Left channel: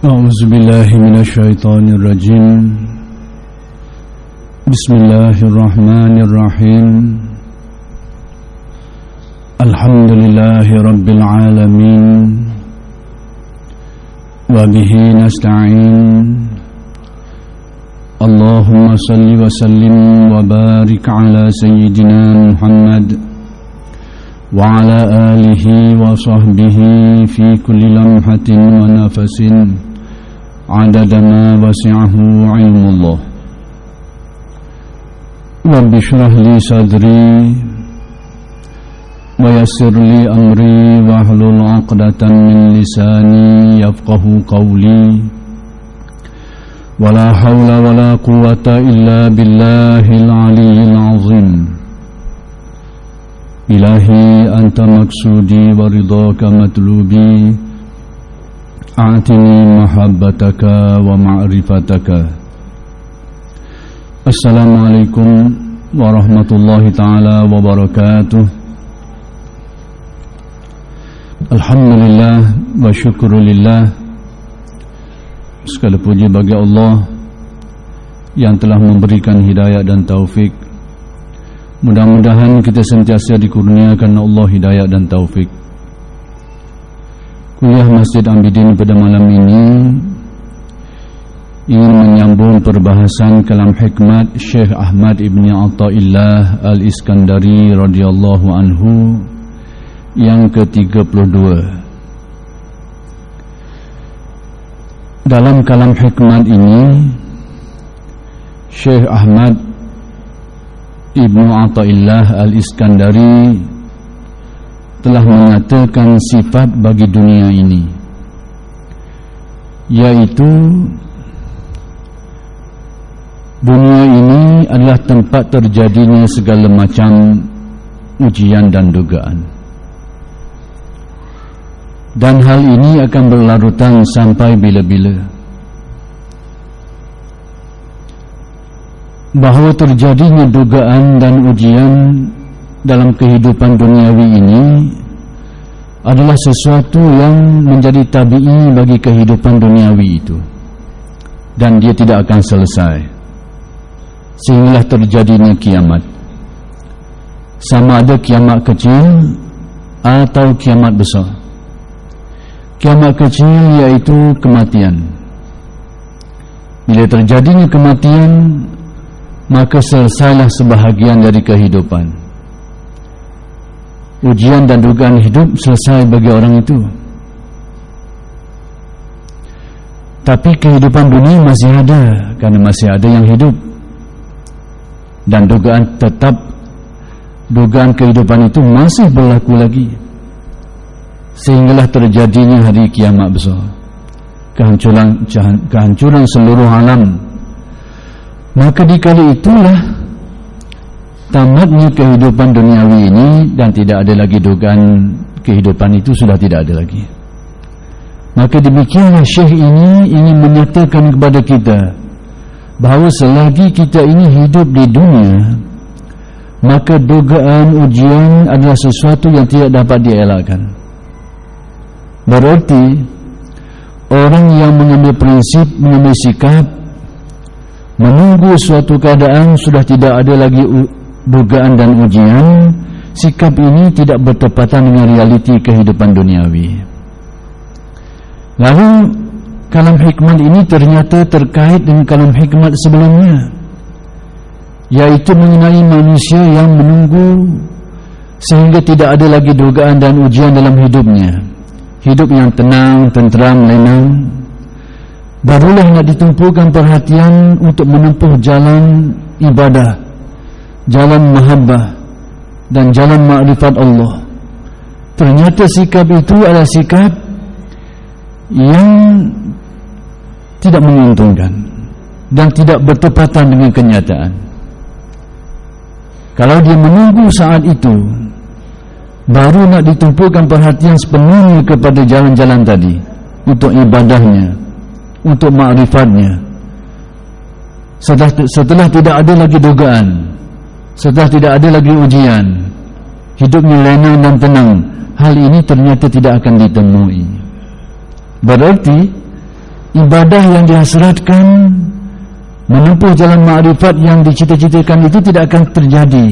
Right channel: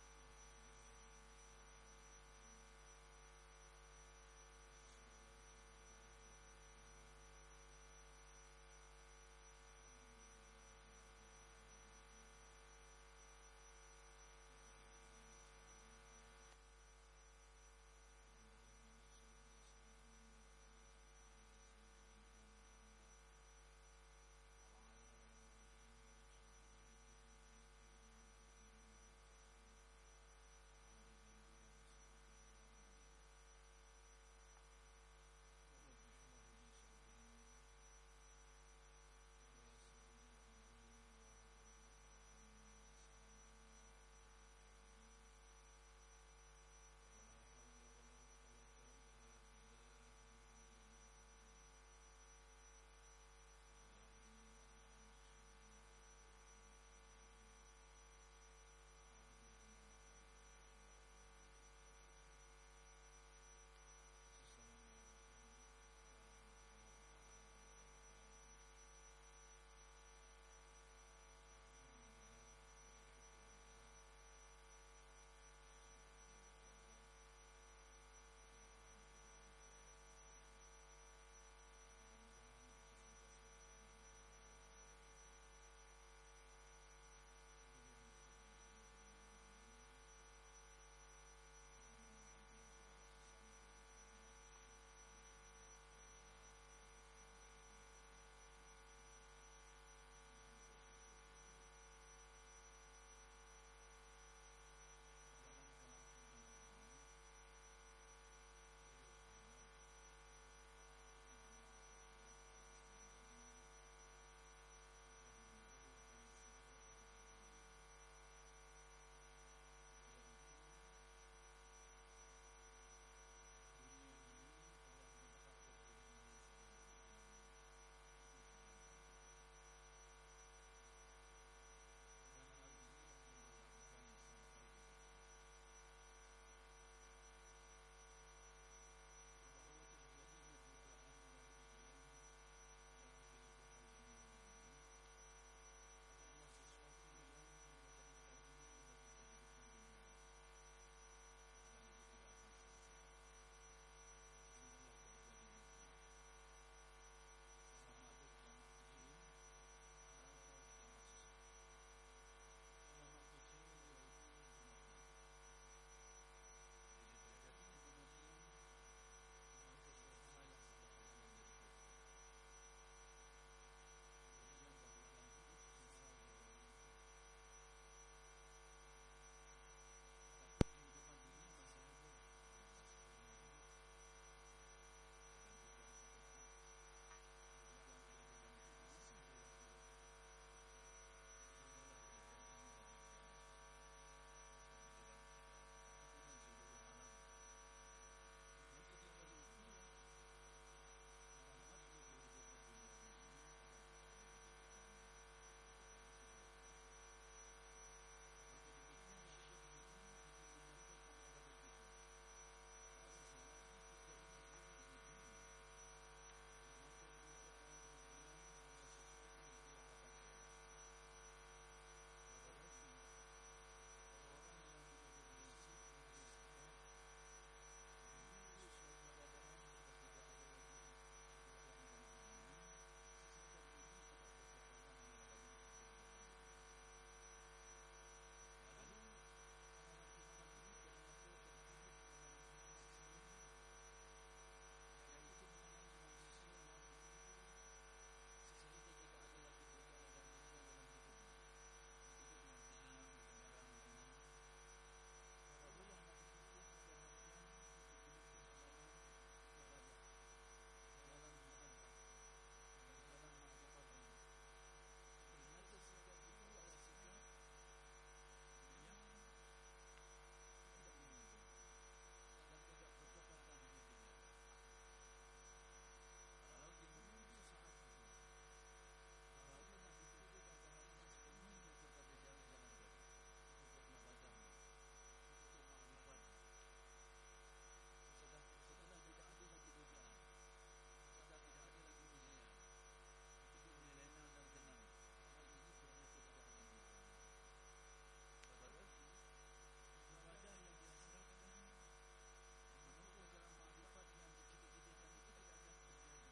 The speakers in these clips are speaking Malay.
أعوذ بالله من الشيطان الرجيم بسم الله الرحمن الرحيم الحمد لله رب العالمين وبه نستعين اللهم صل وسلم وبارك على سيدنا محمد وعلى آله وصحبه في كل لمحة ونفس عدد ما وسعه علم الله رب اشرح لي صدري ويسر لي أمري واحلل عقدة من لساني يفقه قولي ولا حول ولا قوة إلا بالله العلي العظيم إلهي أنت مقصودي ورضاك مطلوبي أعطني محبتك ومعرفتك. Assalamualaikum warahmatullahi ta'ala wabarakatuh. Alhamdulillah wa syukurulillah. Segala puji bagi Allah yang telah memberikan hidayah dan taufik. Mudah-mudahan kita sentiasa dikurniakan Allah hidayah dan taufik. Kuliah Masjid Ambidin pada malam ini ingin menyambung perbahasan kalam hikmat Syekh Ahmad Ibn Athaillah Al-Iskandari radhiyallahu anhu yang ke-32. Dalam kalam hikmat ini Syekh Ahmad Ibn Athaillah Al-Iskandari telah menyatakan sifat bagi dunia ini, yaitu dunia ini adalah tempat terjadinya segala macam ujian dan dugaan, dan hal ini akan berlarutan sampai bila-bila. Bahawa terjadinya dugaan dan ujian dalam kehidupan duniawi ini adalah sesuatu yang menjadi tabi'i bagi kehidupan duniawi itu, dan dia tidak akan selesai sehinggalah terjadinya kiamat, sama ada kiamat kecil atau kiamat besar. Kiamat kecil yaitu kematian. Bila terjadinya kematian, maka selesailah sebahagian dari kehidupan. Ujian dan dugaan hidup selesai bagi orang itu. Tapi kehidupan dunia masih ada, karena masih ada yang hidup. Dan dugaan kehidupan itu masih berlaku lagi, sehinggalah terjadinya hari kiamat besar, kehancuran seluruh alam. Maka dikala itulah tamatnya kehidupan duniawi ini, dan tidak ada lagi dugaan kehidupan itu, sudah tidak ada lagi. Maka demikianlah Syekh ini ingin menyatakan kepada kita bahawa selagi kita ini hidup di dunia, maka dugaan ujian adalah sesuatu yang tidak dapat dielakkan. Berarti orang yang mengambil prinsip, mengambil sikap menunggu suatu keadaan sudah tidak ada lagi dugaan dan ujian, sikap ini tidak bertepatan dengan realiti kehidupan duniawi. Lalu kalam hikmat ini ternyata terkait dengan kalam hikmat sebelumnya, yaitu mengenai manusia yang menunggu sehingga tidak ada lagi dugaan dan ujian dalam hidupnya. Hidup yang tenang, tenteram, lenang, barulah nak ditumpukan perhatian untuk menempuh jalan ibadah, jalan mahabbah, dan jalan ma'rifat Allah. Ternyata sikap itu adalah sikap yang tidak menguntungkan dan tidak bertepatan dengan kenyataan. Kalau dia menunggu saat itu, baru nak ditumpukan perhatian sepenuhnya kepada jalan-jalan tadi, untuk ibadahnya, untuk ma'rifatnya. Setelah tidak ada lagi dugaan, setelah tidak ada lagi ujian, hidupnya lenang dan tenang, hal ini ternyata tidak akan ditemui. Berarti ibadah yang dihasratkan, menempuh jalan ma'rifat yang dicita-citakan itu tidak akan terjadi.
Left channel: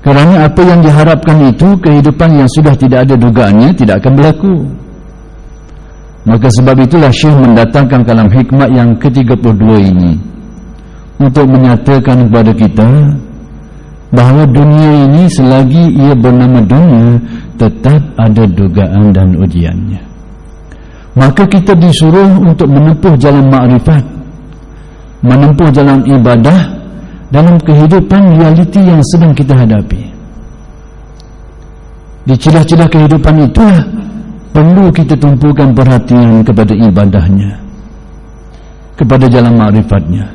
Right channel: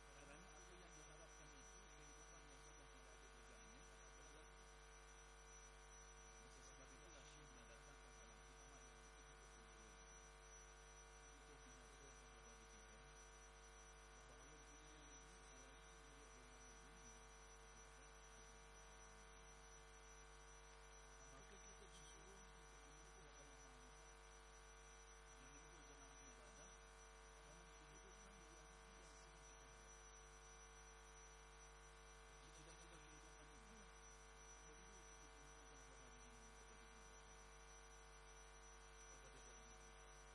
Kerana apa yang diharapkan itu, kehidupan yang sudah tidak ada dugaannya tidak akan berlaku. Maka sebab itulah Syekh mendatangkan kalam hikmat yang ke-32 ini untuk menyatakan kepada kita bahawa dunia ini selagi ia bernama dunia tetap ada dugaan dan ujiannya. Maka kita disuruh untuk menempuh jalan ma'rifat, menempuh jalan ibadah dalam kehidupan realiti yang sedang kita hadapi. Di celah-celah kehidupan itulah perlu kita tumpukan perhatian kepada ibadahnya, kepada jalan ma'rifatnya.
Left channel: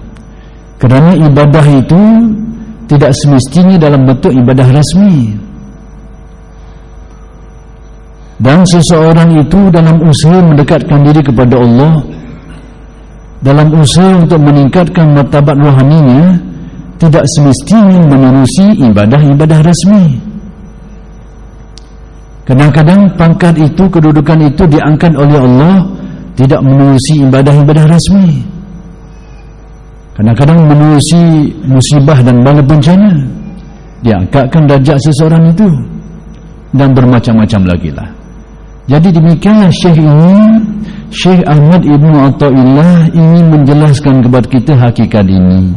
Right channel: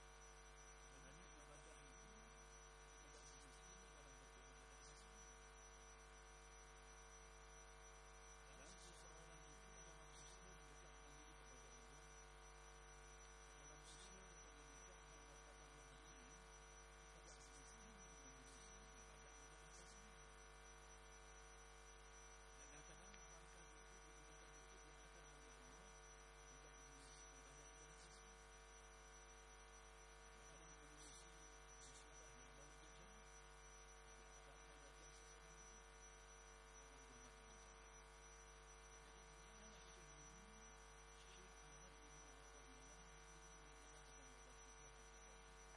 Kerana ibadah itu tidak semestinya dalam bentuk ibadah rasmi. Dan seseorang itu dalam usaha mendekatkan diri kepada Allah, dalam usaha untuk meningkatkan martabat rohaninya, tidak semestinya menerusi ibadah-ibadah rasmi. Kadang-kadang pangkat itu, kedudukan itu diangkat oleh Allah tidak menerusi ibadah-ibadah rasmi. Kadang-kadang menerusi musibah dan bala bencana, diangkatkan darjat seseorang itu, dan bermacam-macam lagi lah. Jadi demikianlah Syekh Ahmad Ibn Atta'illah ingin menjelaskan kepada kita hakikat ini,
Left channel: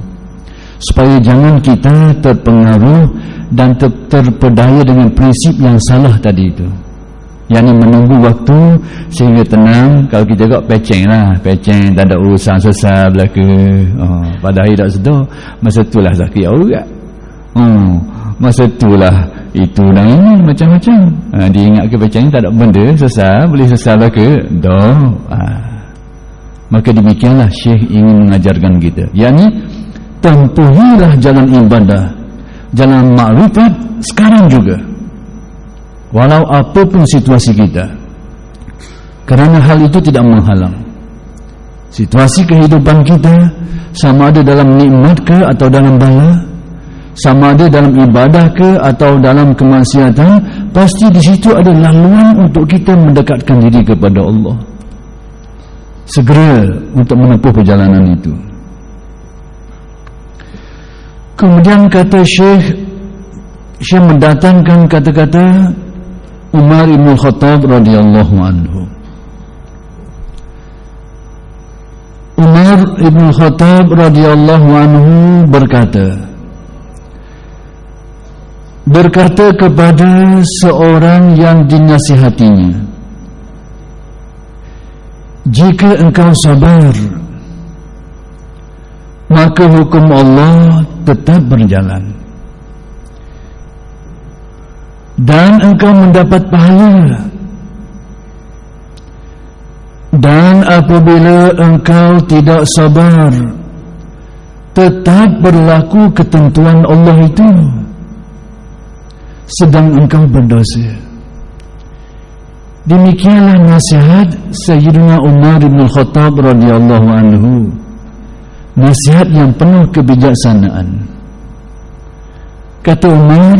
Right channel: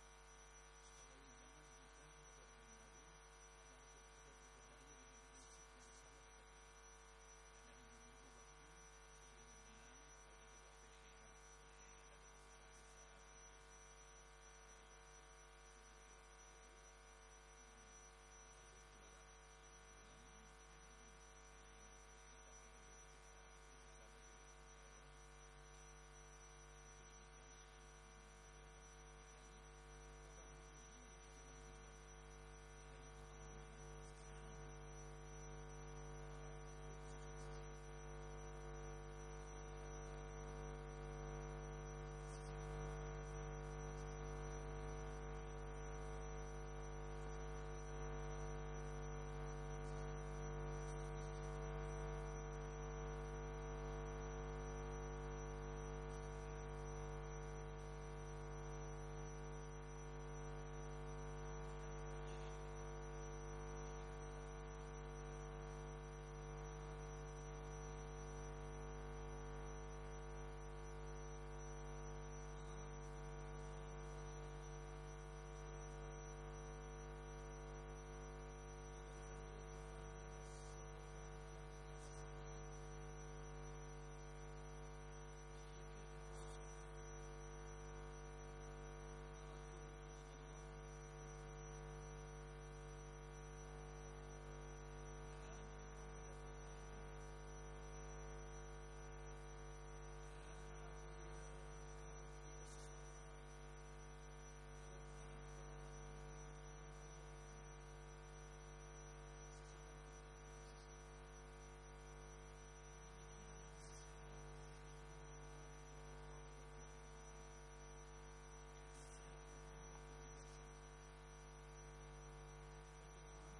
supaya jangan kita terpengaruh dan terpedaya dengan prinsip yang salah tadi itu, yakni menunggu waktu sehingga tenang. Kalau kita kok peceng lah, peceng, tak ada urusan sesal belaka, pada hari tak sedar, masa itulah sakit aurat, masa itulah itu dan ini macam-macam. Diingat ke peceng tak ada benda sesal, boleh sesal belaka dah. Maka demikianlah Syekh ingin mengajarkan kita, yakni tempuhilah jalan ibadah, jalan ma'rifat sekarang juga, walau apapun situasi kita. Kerana hal itu tidak menghalang situasi kehidupan kita, sama ada dalam nikmat ke atau dalam bala, sama ada dalam ibadah ke atau dalam kemaksiatan, pasti di situ ada laluan untuk kita mendekatkan diri kepada Allah. Segera untuk menempuh perjalanan itu. Kemudian kata Syekh mendatangkan kata-kata Umar Ibn Khattab radhiyallahu anhu. Umar Ibn Khattab radhiyallahu anhu berkata kepada seorang yang dinasihatinya, jika engkau sabar, maka hukum Allah tetap berjalan dan engkau mendapat pahala. Dan apabila engkau tidak sabar, tetap berlaku ketentuan Allah itu, sedang engkau berdosa. Demikianlah nasihat Sayyidina Umar bin Khattab radhiyallahu anhu, nasihat yang penuh kebijaksanaan. Kata Umar,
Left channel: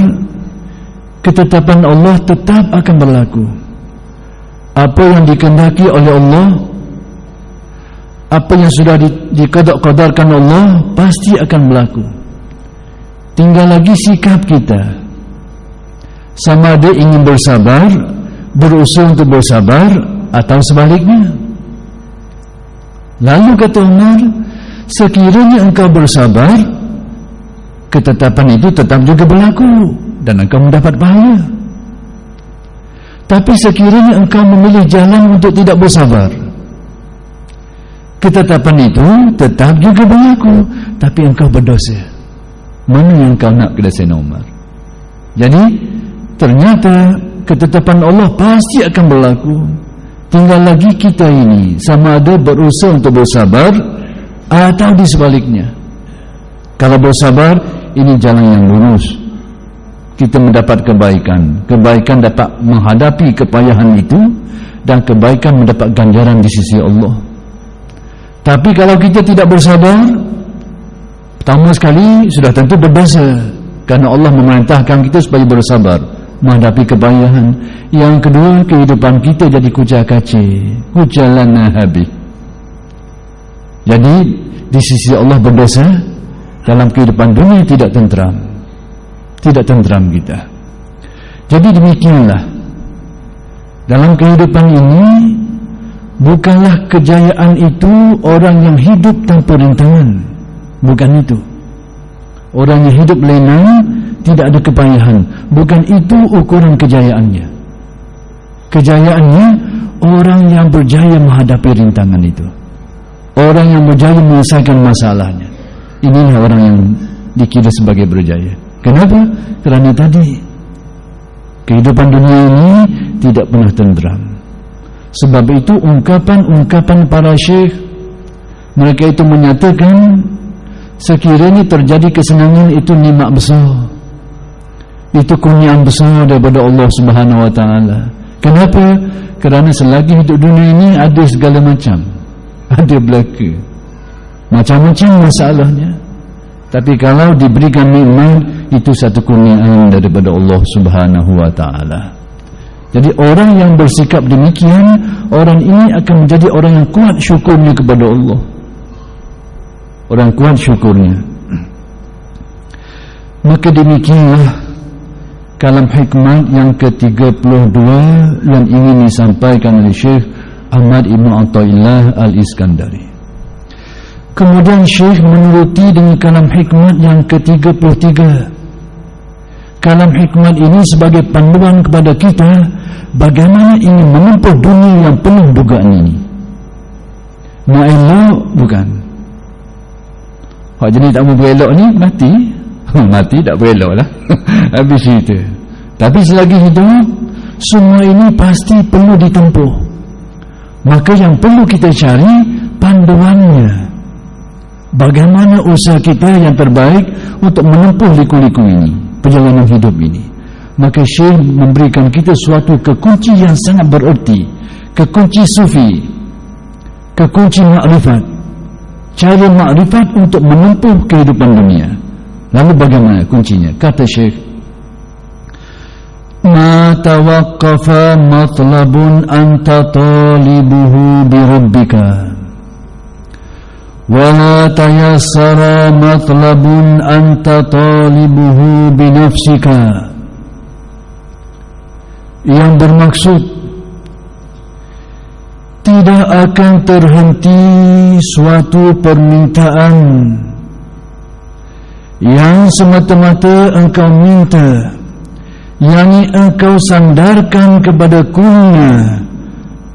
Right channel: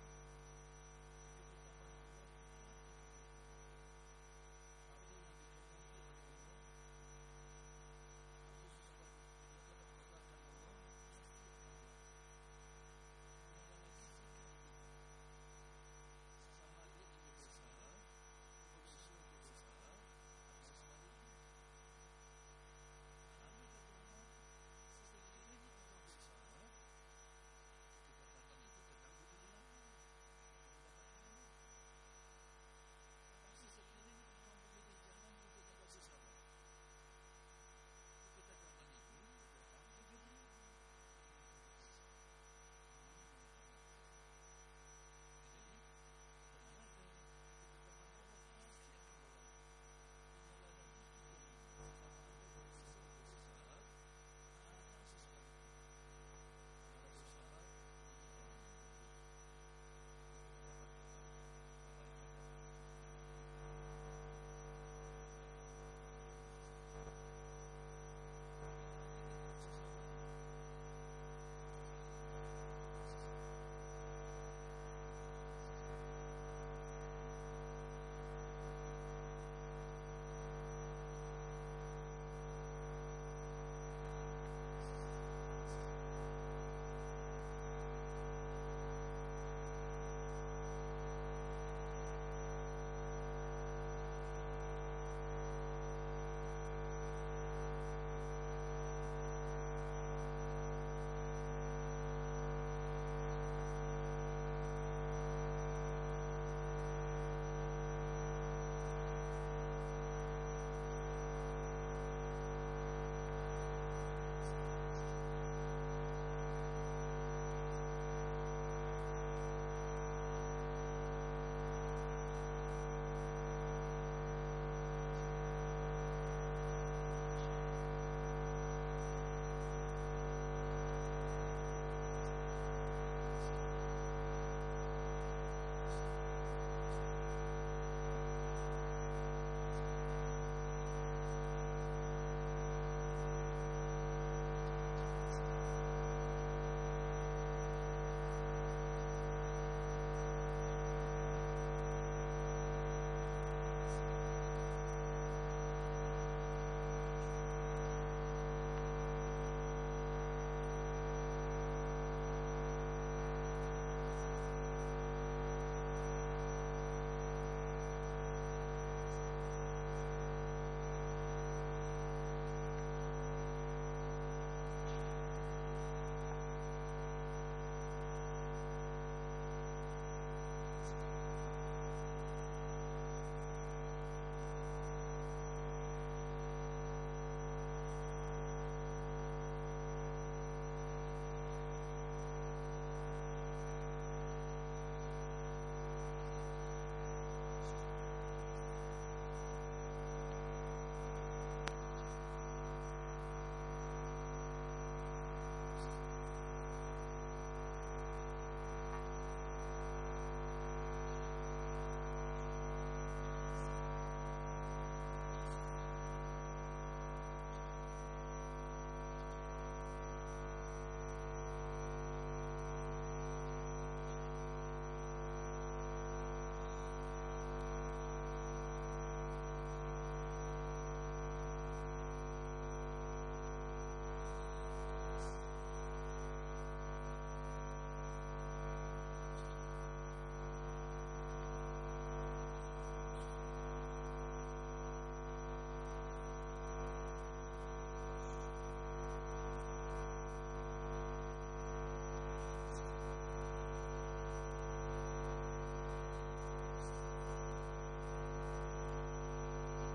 ketetapan Allah tetap akan berlaku. Apa yang dikehendaki oleh Allah, apa yang sudah diqada-qadarkan Allah, pasti akan berlaku. Tinggal lagi sikap kita, sama ada ingin bersabar, berusaha untuk bersabar, atau sebaliknya. Lalu kata Umar, sekiranya engkau bersabar, ketetapan itu tetap juga berlaku dan engkau mendapat pahala. Tapi sekiranya engkau memilih jalan untuk tidak bersabar, ketetapan itu tetap juga berlaku, tapi engkau berdosa. Mana yang kau nak, kata Sayyidina Umar? Jadi ternyata ketetapan Allah pasti akan berlaku. Tinggal lagi kita ini sama ada berusaha untuk bersabar atau di sebaliknya. Kalau bersabar, ini jalan yang lurus, kita mendapat kebaikan. Kebaikan dapat menghadapi kepayahan itu, dan kebaikan mendapat ganjaran di sisi Allah. Tapi kalau kita tidak bersabar, pertama sekali sudah tentu berdosa, karena Allah memerintahkan kita supaya bersabar. menghadapi kepayahan. Yang kedua, kehidupan kita jadi kucar-kacir, kucalan habis. Jadi di sisi Allah berdosa, dalam kehidupan dunia tidak tentram, tidak tentram kita. Jadi demikianlah, dalam kehidupan ini bukanlah kejayaan itu orang yang hidup tanpa rintangan, bukan itu. Orang yang hidup lena, tidak ada kepayahan, bukan itu ukuran kejayaannya. Kejayaannya orang yang berjaya menghadapi rintangan itu, orang yang berjaya menyelesaikan masalahnya. Inilah orang yang dikira sebagai berjaya. Kenapa? Kerana tadi kehidupan dunia ini tidak pernah tentram. Sebab itu ungkapan-ungkapan para syekh, mereka itu menyatakan sekiranya terjadi kesenangan itu nikmat besar, itu kurniaan besar daripada Allah Subhanahu Wa Taala. Kenapa? Kerana selagi hidup dunia ini ada segala macam, ada belaka, macam-macam masalahnya. Tapi kalau diberikan nikmat, itu satu kurniaan daripada Allah Subhanahu Wa Taala. Jadi orang yang bersikap demikian, orang ini akan menjadi orang yang kuat syukurnya kepada Allah. Orang kuat syukurnya. Maka demikianlah kalam hikmat yang ke-32 yang ingin disampaikan oleh Syekh Ahmad Ibn Athaillah Al-Iskandari. Kemudian Syekh menuruti dengan kalam hikmat yang ke-33. Kalam hikmat ini sebagai panduan kepada kita bagaimana ingin menempuh dunia yang penuh dugaan ini. Nak elok bukan. Hak jenis tak mau berelok ni mati. Mati tak berelok lah. Habis cerita. Tapi selagi hidup, semua ini pasti perlu ditempuh. Maka yang perlu kita cari panduannya. Bagaimana usaha kita yang terbaik untuk menempuh liku-liku ini, perjalanan hidup ini. Maka Syekh memberikan kita suatu kekunci yang sangat bererti, kekunci sufi, kekunci makrifat, cara makrifat untuk menempuh kehidupan dunia. Lalu bagaimana kuncinya? Kata Syekh, ma tawaqqafa matlabun anta talibuhu bi rabbika wala tayassara matlabun anta talibuhu bi nafsika. Yang bermaksud tidak akan terhenti suatu permintaan yang semata-mata engkau minta, yakni engkau sandarkan kepada kurnia,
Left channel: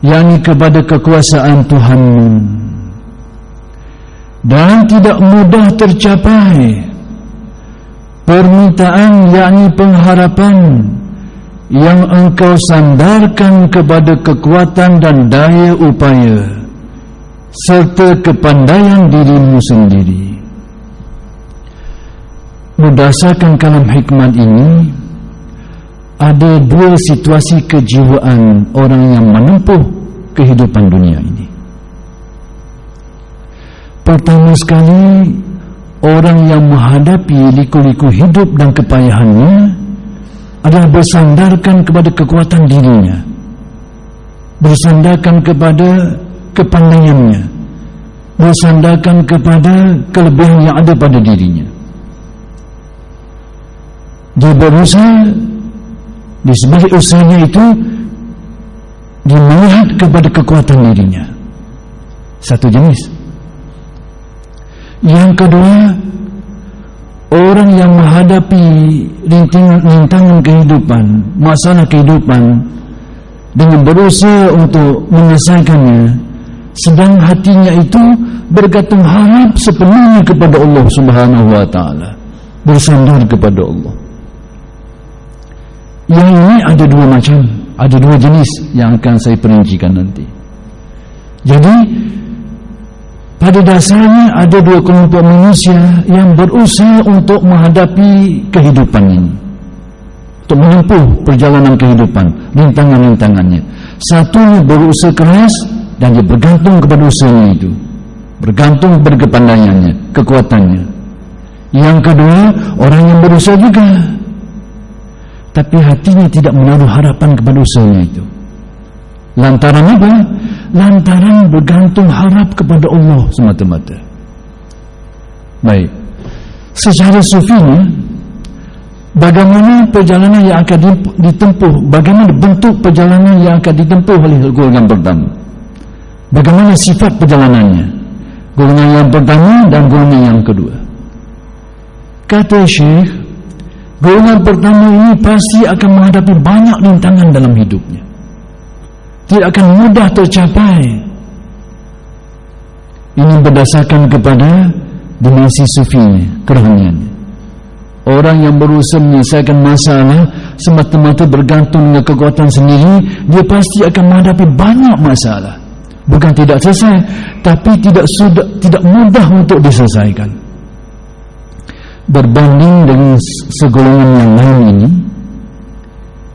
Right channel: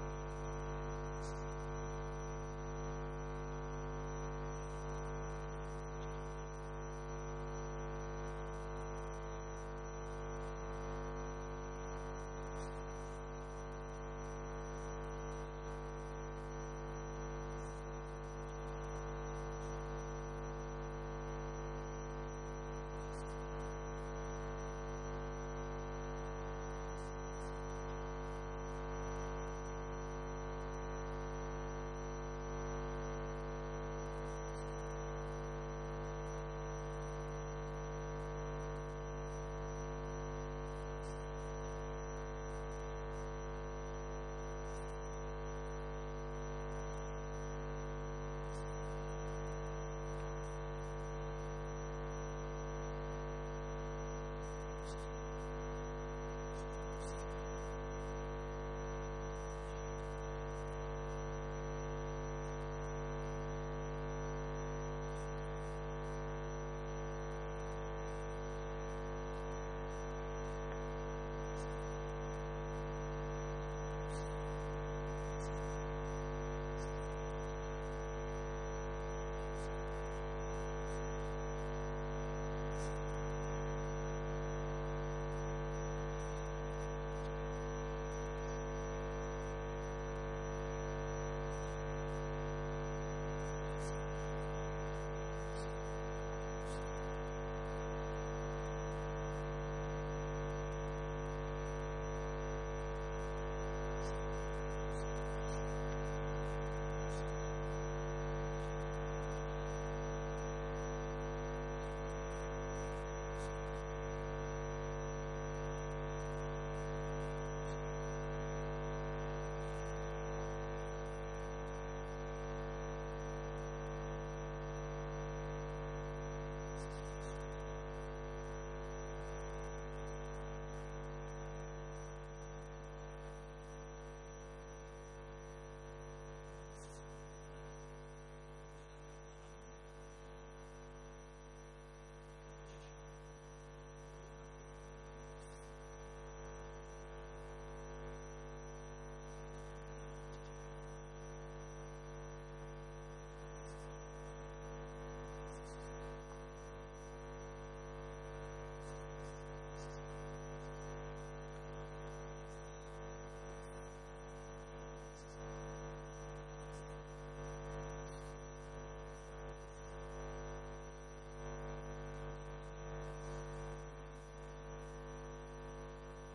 yakni kepada kekuasaan Tuhanmu, dan tidak mudah tercapai permintaan, yakni pengharapan yang engkau sandarkan kepada kekuatan dan daya upaya serta kepandaian dirimu sendiri. Berdasarkan kalam hikmat ini, ada dua situasi kejiwaan orang yang menempuh kehidupan dunia ini. Pertama sekali, orang yang menghadapi liku-liku hidup dan kepayahannya adalah bersandarkan kepada kekuatan dirinya, bersandarkan kepada kepandaiannya, bersandarkan kepada kelebihan yang ada pada dirinya. Dia berusaha, di sebalik usahanya itu dia melihat kepada kekuatan dirinya. Satu jenis. Yang kedua, orang yang menghadapi rintangan kehidupan, masalah kehidupan, dengan berusaha untuk menyelesaikannya, sedang hatinya itu bergantung harap sepenuhnya kepada Allah Subhanahu Wa Taala, bersandar kepada Allah. Yang ini ada dua macam, ada dua jenis yang akan saya perincikan nanti. Jadi pada dasarnya ada dua kelompok manusia yang berusaha untuk menghadapi kehidupan ini, untuk menempuh perjalanan kehidupan, rintangan-rintangannya. Satu berusaha keras dan dia bergantung kepada usahanya itu, bergantung kepada kepandaiannya, kekuatannya. Yang kedua, orang yang berusaha juga, tapi hatinya tidak menaruh harapan kepada usahanya itu. Lantaran apa? Lantaran bergantung harap kepada Allah semata-mata. Baik, secara sufinya, bagaimana perjalanan yang akan ditempuh, bagaimana bentuk perjalanan yang akan ditempuh oleh golongan pertama, bagaimana sifat perjalanannya, golongan yang pertama dan golongan yang kedua. Kata Syekh, golongan pertama ini pasti akan menghadapi banyak rintangan dalam hidupnya, tidak akan mudah tercapai. Ini berdasarkan kepada dimensi sufinya, kerohaniannya. Orang yang berusaha menyelesaikan masalah semata-mata bergantung dengan kekuatan sendiri, dia pasti akan menghadapi banyak masalah. Bukan tidak selesai, tapi tidak mudah untuk diselesaikan. Berbanding dengan segolongan yang lain ini,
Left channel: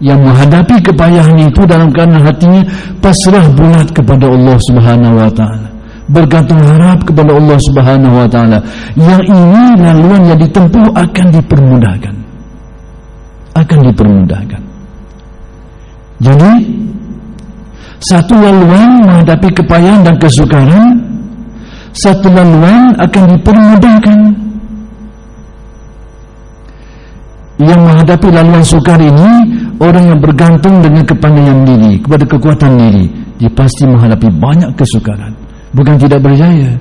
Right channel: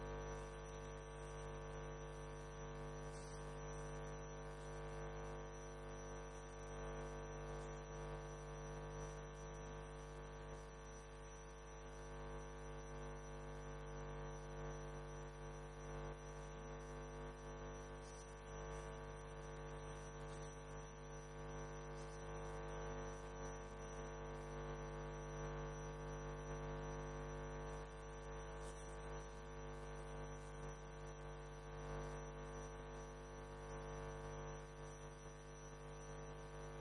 yang menghadapi kepayahan itu dalam keadaan hatinya pasrah bulat kepada Allah Subhanahu wa taala, bergantung harap kepada Allah Subhanahu wa taala. Yang ini laluan yang ditempuh akan dipermudahkan. Jadi satu laluan menghadapi kepayahan dan kesukaran, satu laluan akan dipermudahkan. Yang menghadapi laluan sukar ini, orang yang bergantung dengan kepandaian diri, kepada kekuatan diri, dia pasti menghadapi banyak kesukaran. Bukan tidak berjaya,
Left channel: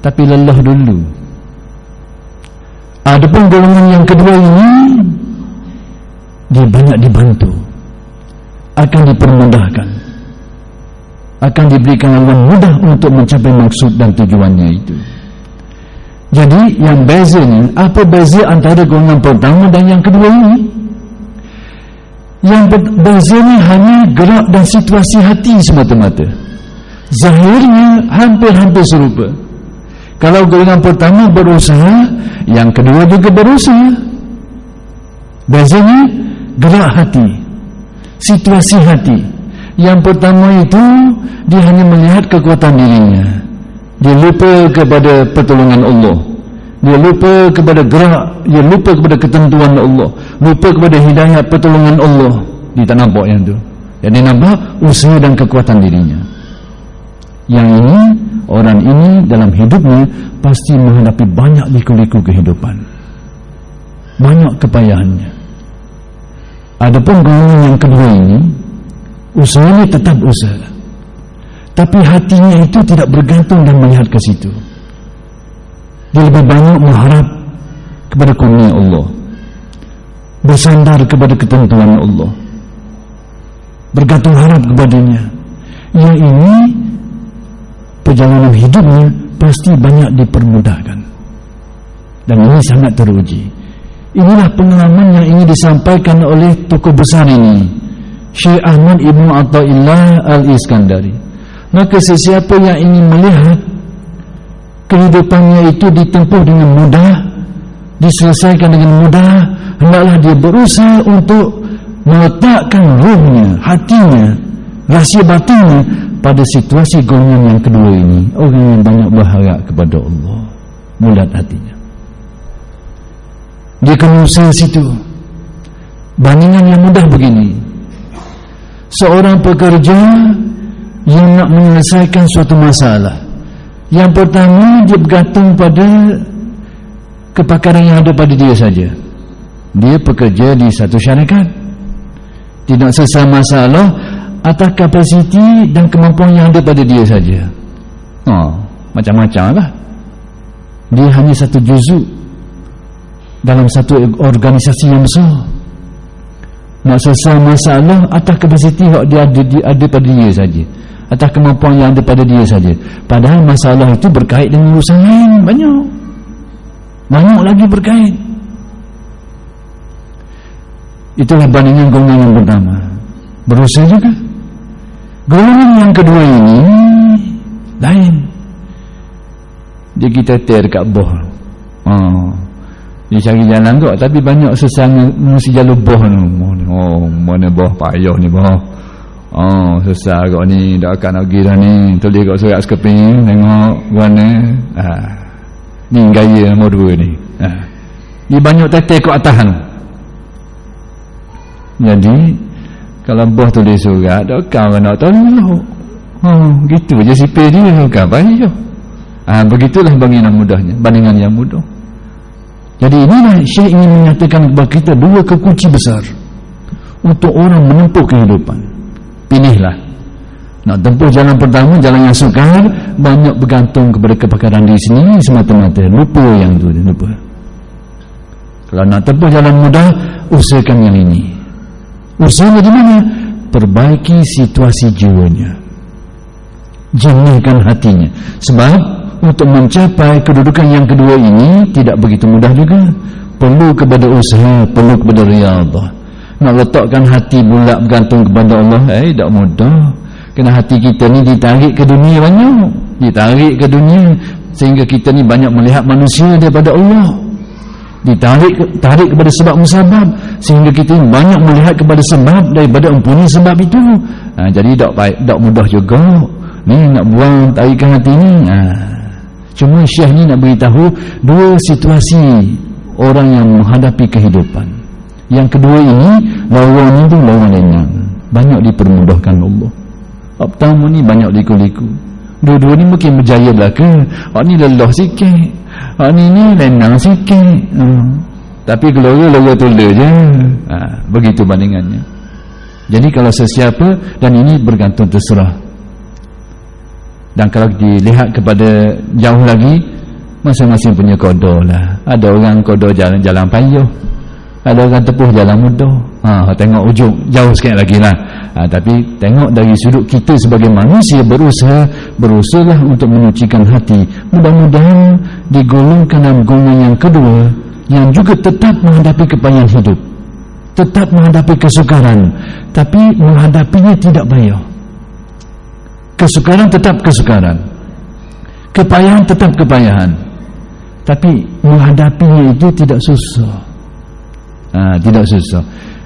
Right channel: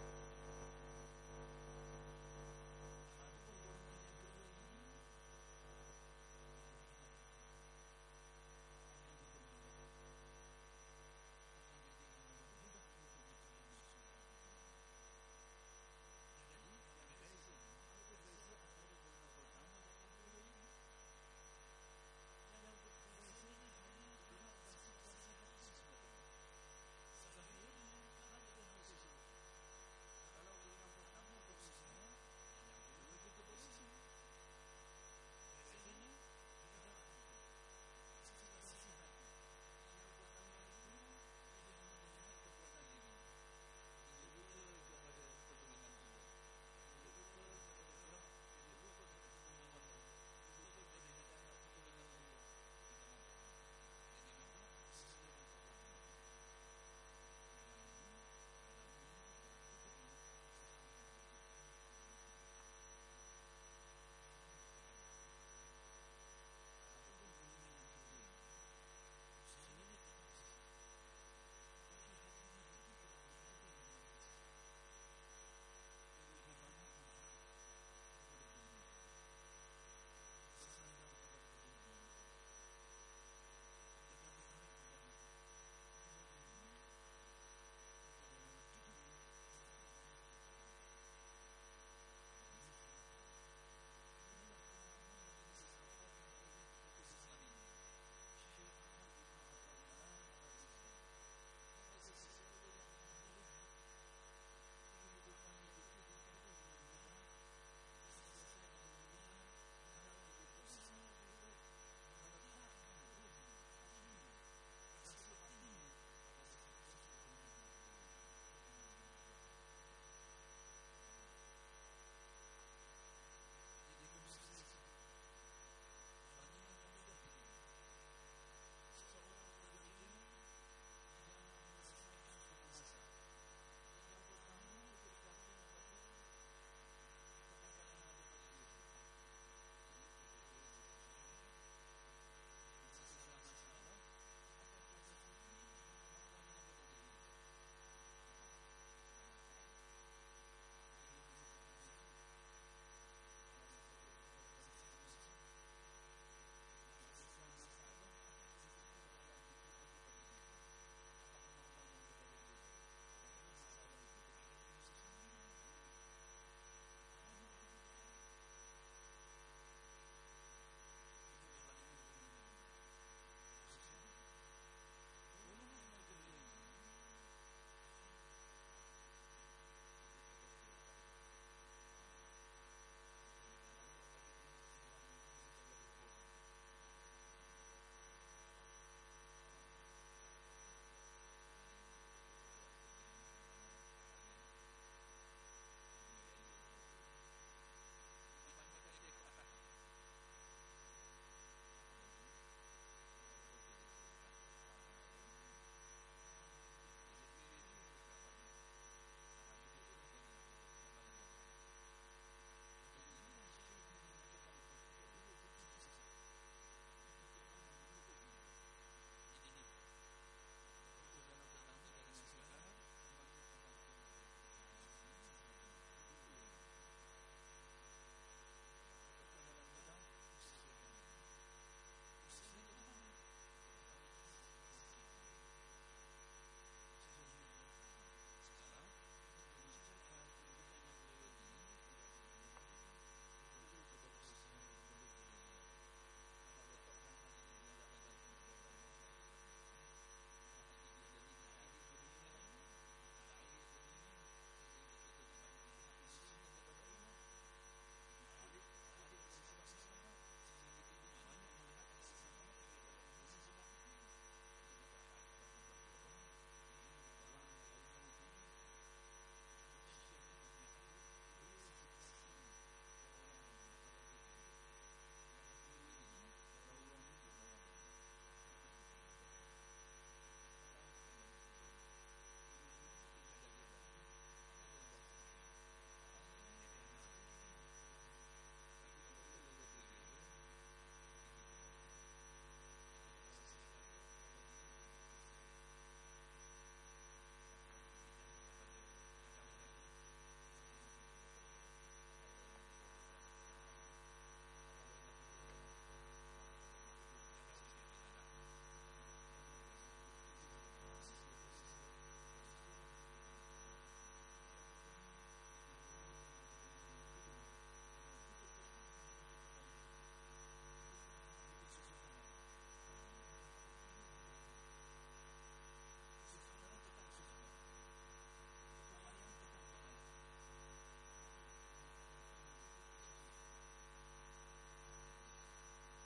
tapi lelah dulu. Adapun golongan yang kedua ini, dia banyak dibantu, akan dipermudahkan, akan diberikan laluan mudah untuk mencapai maksud dan tujuannya itu. Jadi yang bezanya, apa beza antara golongan pertama dan yang kedua ini? Yang bezanya hanya gerak dan situasi hati semata-mata. Zahirnya hampir-hampir serupa. Kalau golongan pertama berusaha, yang kedua juga berusaha. Bezanya gerak hati, situasi hati. Yang pertama itu dia hanya melihat kekuatan dirinya, dia lupa kepada pertolongan Allah, dia lupa kepada gerak, dia lupa kepada ketentuan Allah, lupa kepada hidayah pertolongan Allah. Dia tak nampak yang tu. Jadi nampak usaha dan kekuatan dirinya. Yang ini, orang ini dalam hidupnya pasti menghadapi banyak liku-liku kehidupan, banyak kepayahannya. Adapun golongan yang kedua ini, usahanya tetap usaha, tapi hatinya itu tidak bergantung dan melihat ke situ. Dia lebih banyak mengharap kepada kurnia Allah, bersandar kepada ketentuan Allah, bergantung harap kepadanya. Yang ini perjalanan hidupnya pasti banyak dipermudahkan, dan ini sangat teruji. Inilah pengalaman yang ingin disampaikan oleh tokoh besar ini, Syekh Ahmad Ibn Athaillah Al-Iskandari. Maka sesiapa yang ingin melihat kehidupannya itu ditempuh dengan mudah, diselesaikan dengan mudah, hendaklah dia berusaha untuk meletakkan ruhnya, hatinya, rahsia batinnya pada situasi golongan yang kedua ini. Orang yang banyak berharap kepada Allah, bulat hatinya, dia kena usaha situ. Bandingan yang mudah begini, seorang pekerja yang nak menyelesaikan suatu masalah, yang pertama dia bergantung pada kepakaran yang ada pada dia saja. Dia bekerja di satu syarikat, tidak selesai masalah atas kapasiti dan kemampuan yang ada pada dia saja. Macam-macam lah. Dia hanya satu juzuk dalam satu organisasi yang besar. Nak selesai masalah atas kapasiti yang dia ada pada dia saja, atas kemampuan yang ada pada dia saja. Padahal masalah itu berkait dengan urusan lain, banyak lagi berkait. Itulah bandingan golongan yang pertama, berusaha juga. Golongan yang kedua ini lain. Dia kita dekat boh. Dia cari jalan kok, tapi banyak sesama mesti jalur boh ni. Mana boh payah ni boh. Susah kok ni, dah akan pergi dah ni. Tulis kat surat sekeping, tengok mana. Ni gaya nombor 2 ni. Dia banyak tetek kat atas tu. Jadi kalau bos tulis surat, kau nak tolong. Gitu je sipir dia, kan payah. Begitulah bandingan yang mudah. Jadi inilah Syekh ingin menyatakan kepada kita dua kekunci besar untuk orang menempuh kehidupan. Pilihlah. Nak tempuh jalan pertama, jalan yang sukar, banyak bergantung kepada kepakaran diri sendiri semata-mata. Lupa yang tu, lupa. Kalau nak tempuh jalan mudah, usahakan yang ini. Usahanya di mana? Perbaiki situasi jiwanya, jernihkan hatinya. Sebab untuk mencapai kedudukan yang kedua ini tidak begitu mudah juga. Perlu kepada usaha, perlu kepada riyadhah. Nak letakkan hati bulat bergantung kepada Allah, tak mudah. Kena hati kita ni ditarik ke dunia banyak, ditarik ke dunia sehingga kita ni banyak melihat manusia daripada Allah. Tarik kepada sebab musabab sehingga kita banyak melihat kepada sebab daripada empunya sebab itu. Jadi tak mudah juga ni nak buang tarikan hati ni. Cuma Syekh ni nak beritahu dua situasi orang yang menghadapi kehidupan. Yang kedua ini lawan itu lawan lengang, banyak dipermudahkan Allah. Pertama ni banyak liku-liku, dua-dua ni mungkin berjaya belaka. Ni lelah sikit, ni lenang sikit, tapi gelora tula je. Begitu bandingannya. Jadi kalau sesiapa, dan ini bergantung terserah. Dan kalau dilihat kepada jauh lagi, masing-masing punya qada lah. Ada orang qada jalan payah, ada orang tepuh jalan mudah. Tengok ujung jauh sikit lagi lah. Tapi tengok dari sudut kita sebagai manusia, berusahalah untuk menyucikan hati. Mudah-mudahan digolongkan dalam golongan yang kedua, yang juga tetap menghadapi kepayahan hidup, tetap menghadapi kesukaran, tapi menghadapinya tidak payah. Kesukaran tetap kesukaran, kepayahan tetap kepayahan, tapi menghadapinya itu tidak susah. Tidak susah.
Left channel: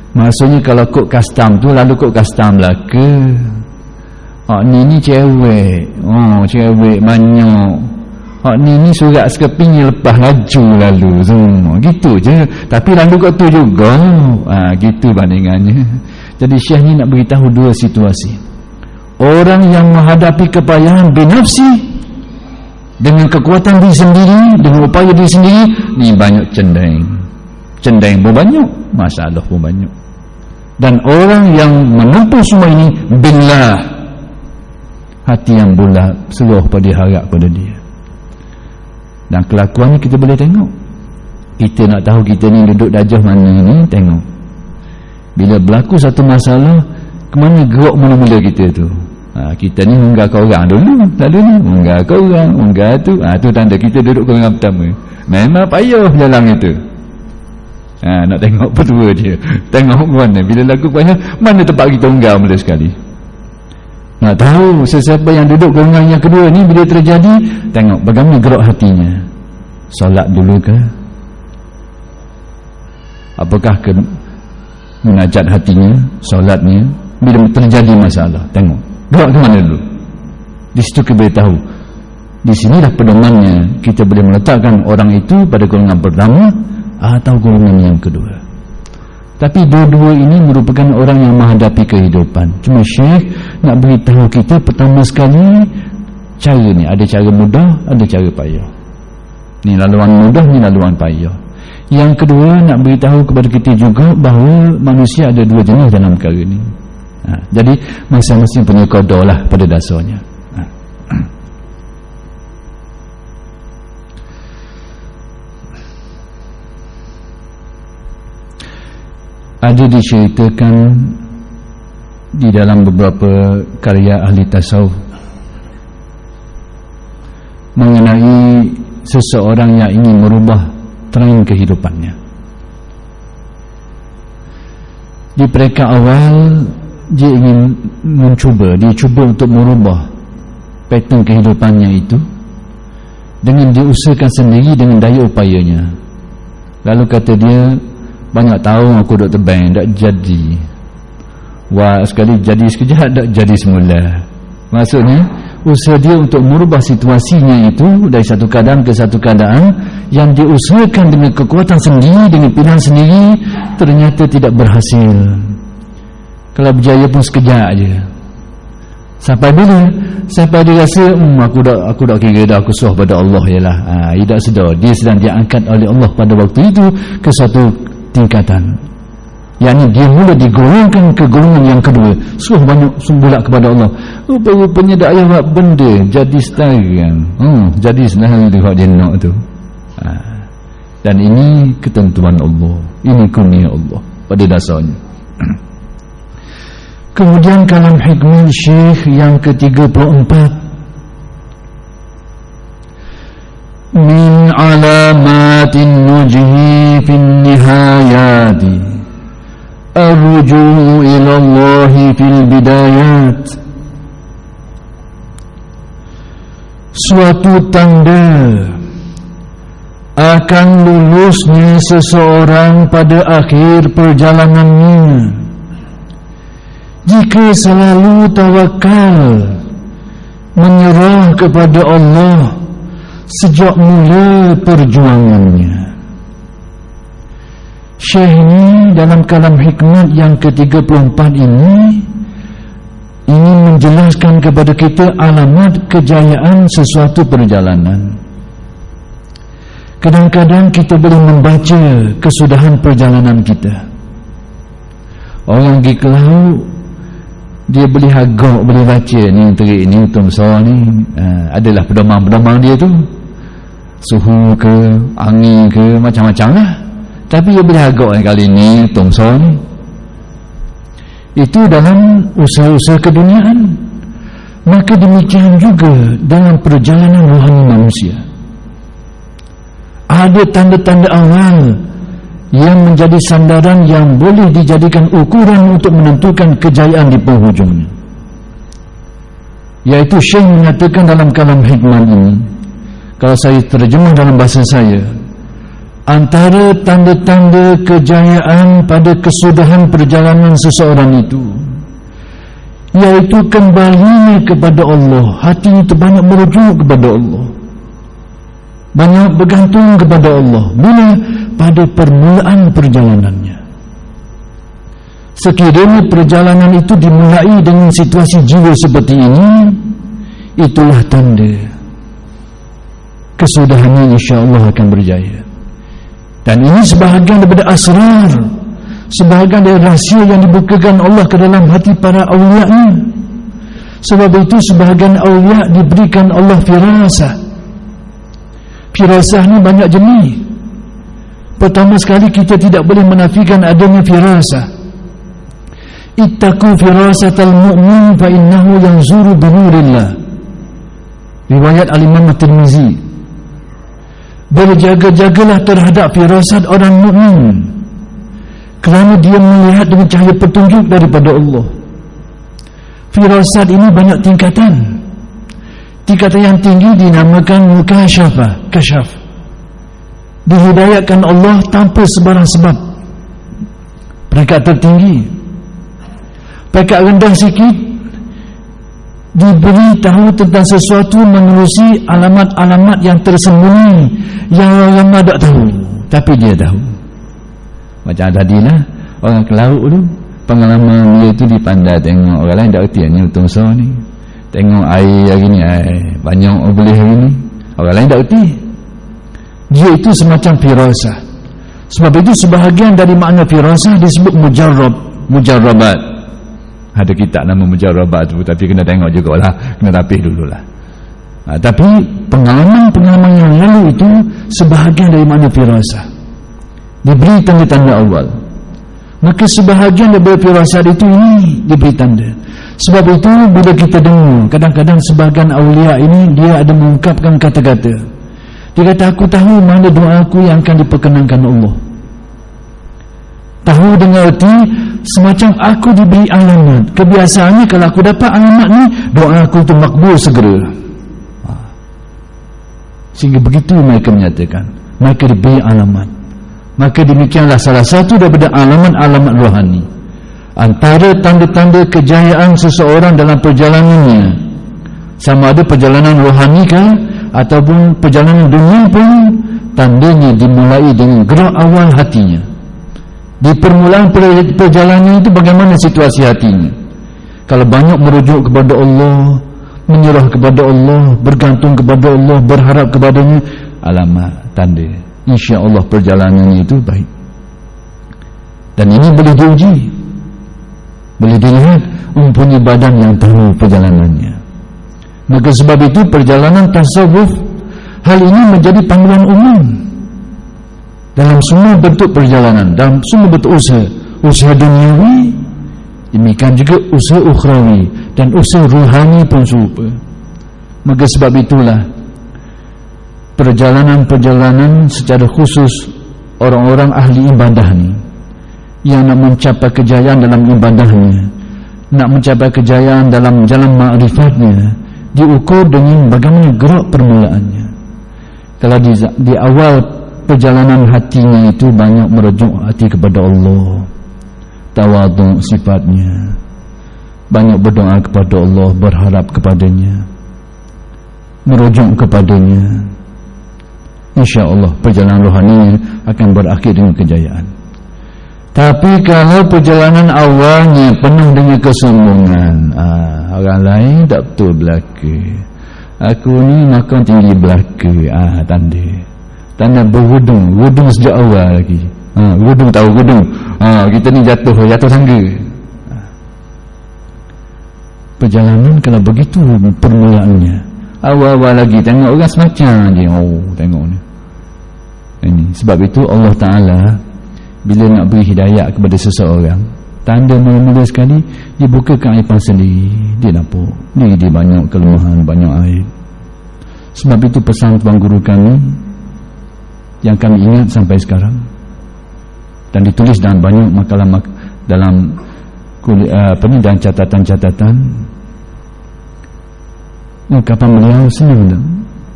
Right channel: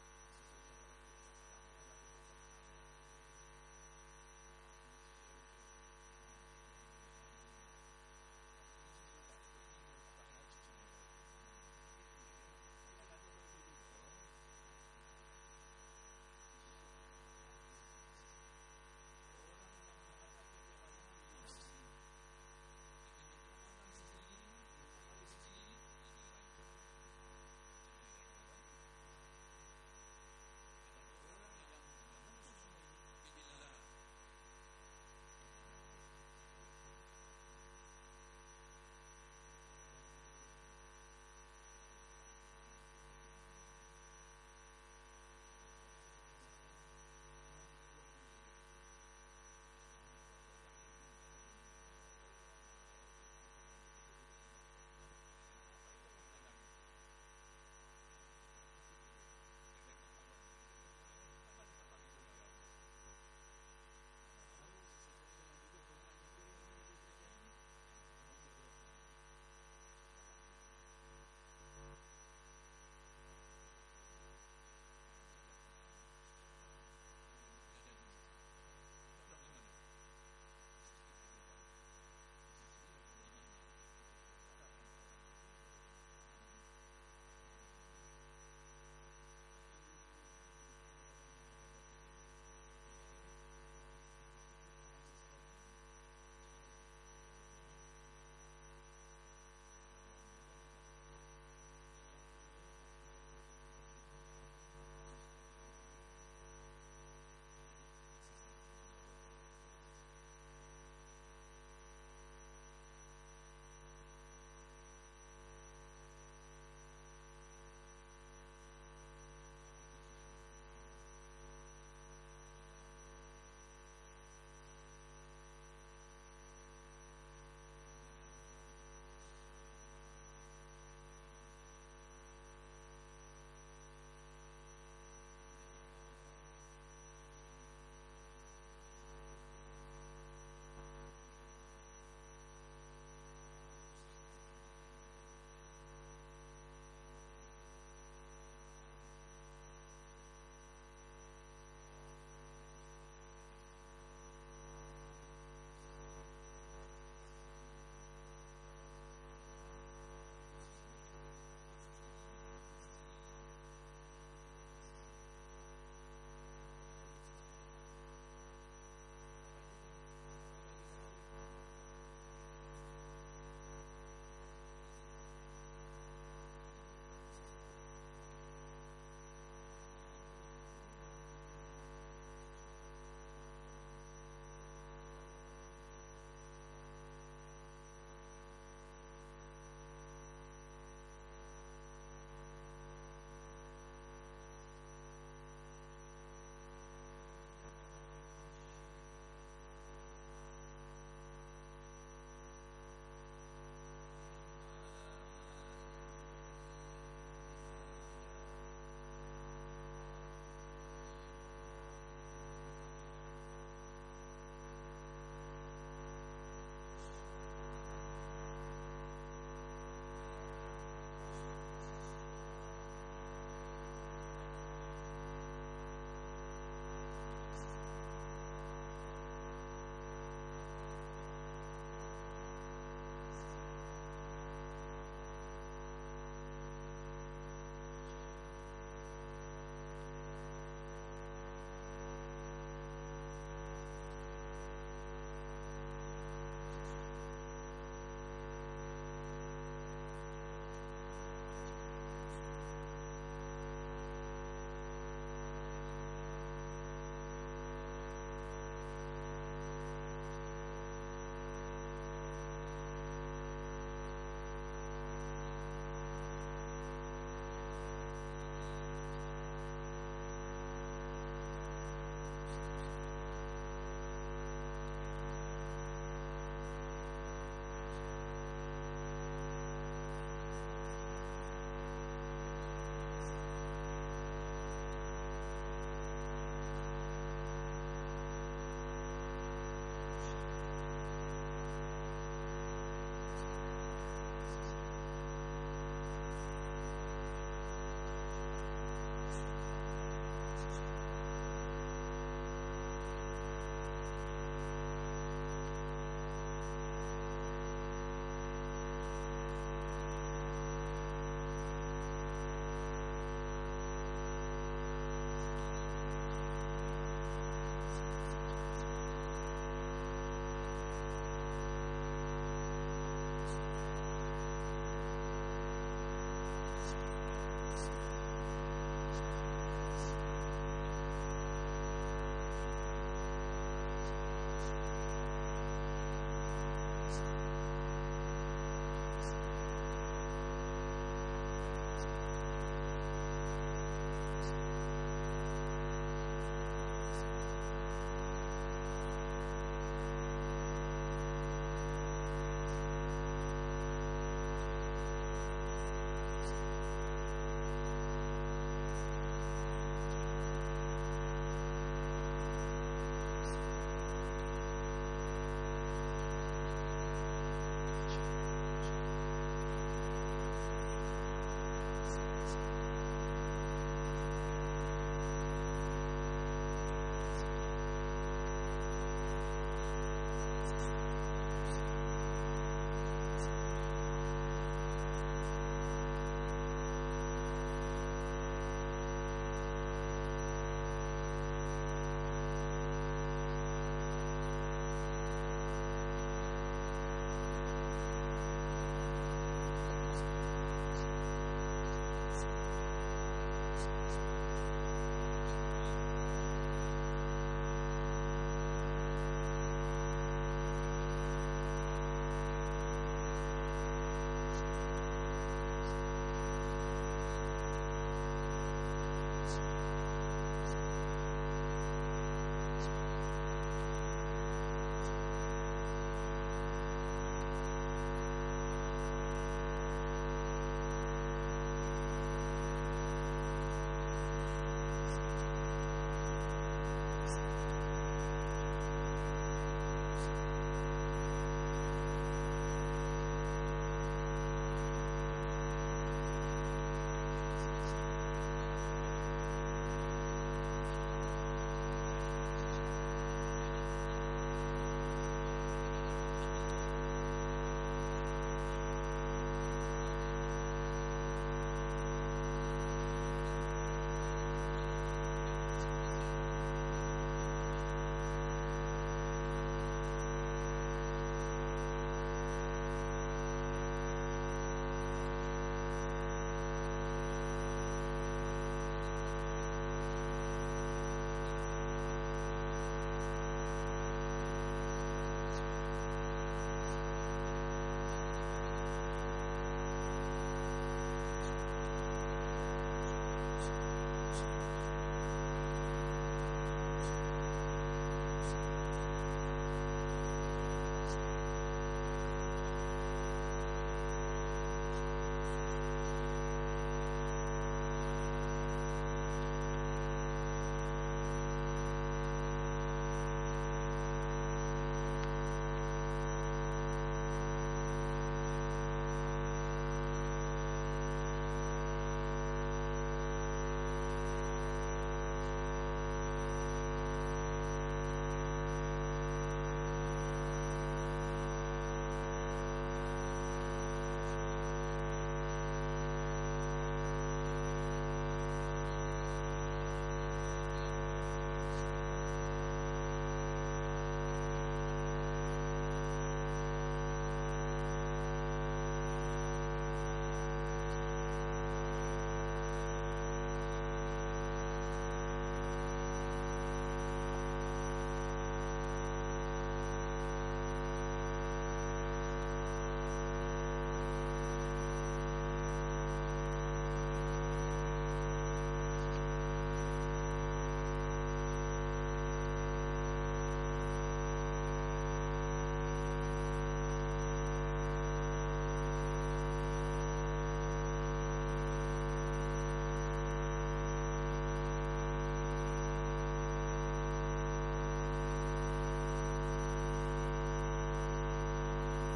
Maksudnya kalau kod custom tu, lalu kod custom lah ke ni cewek, cewek banyak, ni surat skepingnya lepas laju lalu semua gitu je, tapi lalu kod tu juga. Gitu bandingannya. Jadi Syekh ni nak beritahu dua situasi. Orang yang menghadapi kepayahan binafsi dengan kekuatan diri sendiri, dengan upaya diri sendiri, ni banyak cendeng pun banyak, masalah pun banyak. Dan orang yang menempuh semua ini billah, hati yang bulat, seluruh pada harap pada dia. Dan kelakuan ni kita boleh tengok. Kita nak tahu kita ni duduk darjah mana ni, tengok bila berlaku satu masalah, ke mana gerak mula-mula kita tu. Kita ni unggah ke orang dulu, lalu ni unggah ke orang, unggah tu. Tu tanda kita duduk ke orang pertama. Memang payah jalan itu. Nak tengok berdua dia, tengok mana bila lagu payah, mana tempat kita unggah mula sekali. Nak tahu sesiapa yang duduk golongan yang kedua ni, bila terjadi, tengok bagaimana gerak hatinya. Solat dulu ke? Apakah munajat hatinya, solatnya? Bila terjadi masalah, tengok gerak ke mana dulu. Di situ kita boleh tahu. Di sinilah pedomannya, kita boleh meletakkan orang itu pada golongan pertama atau golongan yang kedua. Tapi dua-dua ini merupakan orang yang menghadapi kehidupan. Cuma Syekh nak beritahu kita pertama sekali, cara ni ada cara mudah, ada cara payah. Ni laluan mudah, ni laluan payah. Yang kedua nak beritahu kepada kita juga bahawa manusia ada dua jenis dalam perkara ni. Jadi masing-masing punya qada lah pada dasarnya. Ada diceritakan di dalam beberapa karya ahli tasawuf mengenai seseorang yang ingin merubah tren kehidupannya. Di peringkat awal dia ingin dia cuba untuk merubah pattern kehidupannya itu dengan diusahakan sendiri dengan daya upayanya. Lalu kata dia, banyak tahun aku duduk tebang, tak jadi. Wah, sekali jadi sekejap, tak jadi semula. Maksudnya usaha dia untuk merubah situasinya itu dari satu keadaan ke satu keadaan yang diusahakan dengan kekuatan sendiri, dengan pilihan sendiri, ternyata tidak berhasil. Kalau berjaya pun sekejap je. Sampai bila? Sampai dia rasa aku dah kira dah, aku serah pada Allah jelah. Dia tak sedar dia sedang diangkat oleh Allah pada waktu itu ke satu tingkatan, yakni dia mula digolongkan ke golongan yang kedua, suruh banyak sumbulat kepada Allah. Rupanya tak payah buat benda, jadi sekarang jadi senang dia buat dia nak tu. Dan ini ketentuan Allah, ini kurnia Allah pada dasarnya. Kemudian kalam hikmah Syekh yang ke-34, min alamatin nujhi fin nihayati arju'u ila Allah fil bidayat. Suatu tanda akan lulusnya seseorang pada akhir perjalanannya jika selalu tawakal menyerah kepada Allah sejak mula perjuangannya. Syekh ini dalam kalam hikmat yang ke-34 ini ingin menjelaskan kepada kita alamat kejayaan sesuatu perjalanan. Kadang-kadang kita boleh membaca kesudahan perjalanan kita. Orang pergi ke laut, dia boleh agak, boleh baca ni terik ni, utum besar ni, adalah pedoman-pedoman dia tu, suhu ke, angin ke, macam-macam lah. Tapi dia boleh agak kali ni, utum besar ni. Itu dalam usaha-usaha keduniaan. Maka demikian juga dalam perjalanan rohani manusia. Ada tanda-tanda awal yang menjadi sandaran yang boleh dijadikan ukuran untuk menentukan kejayaan di penghujungnya. Iaitu Syekh mengatakan dalam kalam hikmah ini, kalau saya terjemah dalam bahasa saya, antara tanda-tanda kejayaan pada kesudahan perjalanan seseorang itu, iaitu kembalinya kepada Allah. Hati itu banyak merujuk kepada Allah, banyak bergantung kepada Allah. Bila? Pada permulaan perjalanannya. Sekiranya perjalanan itu dimulai dengan situasi jiwa seperti ini, itulah tanda kesudahannya insya-Allah akan berjaya. Dan ini sebahagian daripada asrar, sebahagian dari rahsia yang dibukakan Allah ke dalam hati para awliya-Nya. Sebab itu sebahagian awliya diberikan Allah firasah. Firasah ni banyak jenis. Pertama sekali, kita tidak boleh menafikan adanya firasah. Ittaqu firasatal mu'min fa innahu yanzuru bi nurillah. Riwayat Al-Imam At-Tirmizi. Berjaga-jagalah terhadap firasat orang mukmin, kerana dia melihat dengan cahaya petunjuk daripada Allah. Firasat ini banyak tingkatan. Tingkatan yang tinggi dinamakan mukasyafah, kasyaf. Dihidayatkan Allah tanpa sebarang sebab. Peringkat tertinggi. Peringkat rendah sikit, diberi tahu tentang sesuatu menerusi alamat-alamat yang tersembunyi yang orang tak tahu, tapi dia tahu. Macam tadilah orang ke laut tu, pengalaman dia tu dipandai tengok orang lain tak erti ni untung besar ni, tengok air hari ni banyak boleh hari ni, orang lain tak erti. Dia itu semacam firasah. Sebab itu sebahagian dari makna firasah disebut mujarrabat. Ada kitab nama mujarrabat tu, tapi kena tengok jugalah, kena tapih dululah. Tapi pengalaman-pengalaman yang lalu itu sebahagian dari makna firasah, diberi tanda-tanda awal. Maka sebahagian daripada firasat itu ini diberi tanda. Sebab itu bila kita dengar kadang-kadang sebahagian awliya ini, dia ada mengungkapkan kata-kata. Dia kata, aku tahu mana doa aku yang akan diperkenankan Allah. Tahu dengan erti semacam aku diberi alamat. Kebiasaannya kalau aku dapat alamat ni, doa aku itu makbul segera. Sehingga begitu mereka menyatakan, mereka diberi alamat. Maka demikianlah salah satu daripada alamat-alamat rohani. Antara tanda-tanda kejayaan seseorang dalam perjalanannya, sama ada perjalanan rohani kah ataupun perjalanan dunia pun, tandanya dimulai dengan gerak awal hatinya. Di permulaan perjalanan itu bagaimana situasi hatinya? Kalau banyak merujuk kepada Allah, menyerah kepada Allah, bergantung kepada Allah, berharap kepadanya, alamat, tanda, insya-Allah perjalanannya itu baik. Dan ini boleh diuji, boleh dilihat mempunyai badan yang tahu perjalanannya. Maka sebab itu perjalanan tasawuf, hal ini menjadi panggilan umum dalam semua bentuk perjalanan, dalam semua bentuk usaha duniawi, demikian juga usaha ukhrawi, dan usaha ruhani pun serupa. Maka sebab itulah perjalanan-perjalanan secara khusus orang-orang ahli ibadah ni, yang nak mencapai kejayaan dalam ibadahnya, nak mencapai kejayaan dalam jalan ma'rifatnya, diukur dengan bagaimana gerak permulaannya. Kalau di awal perjalanan hatinya itu banyak merujuk hati kepada Allah, tawadhu sifatnya, banyak berdoa kepada Allah, berharap kepadanya, merujuk kepadanya, insya-Allah perjalanan rohaninya akan berakhir dengan kejayaan. Tapi kalau perjalanan awalnya penuh dengan kesombongan, orang lain tak betul belaka, aku ni makan tinggi belaka, tanda berwudung sejak awal lagi. Wudung tahu wudung, kita ni jatuh tangga. Perjalanan kalau begitu permulaannya, awal-awal lagi tengok orang semacam je, tengok ni. Ini sebab itu Allah Ta'ala bila nak beri hidayah kepada seseorang, tanda mula-mula sekali dia buka keaiban sendiri, dia nampak ni dia banyak kelemahan, banyak aib. Sebab itu pesan tuan guru kami yang kami ingat sampai sekarang dan ditulis dalam banyak makalah dalam dan catatan-catatan, ungkapan beliau senang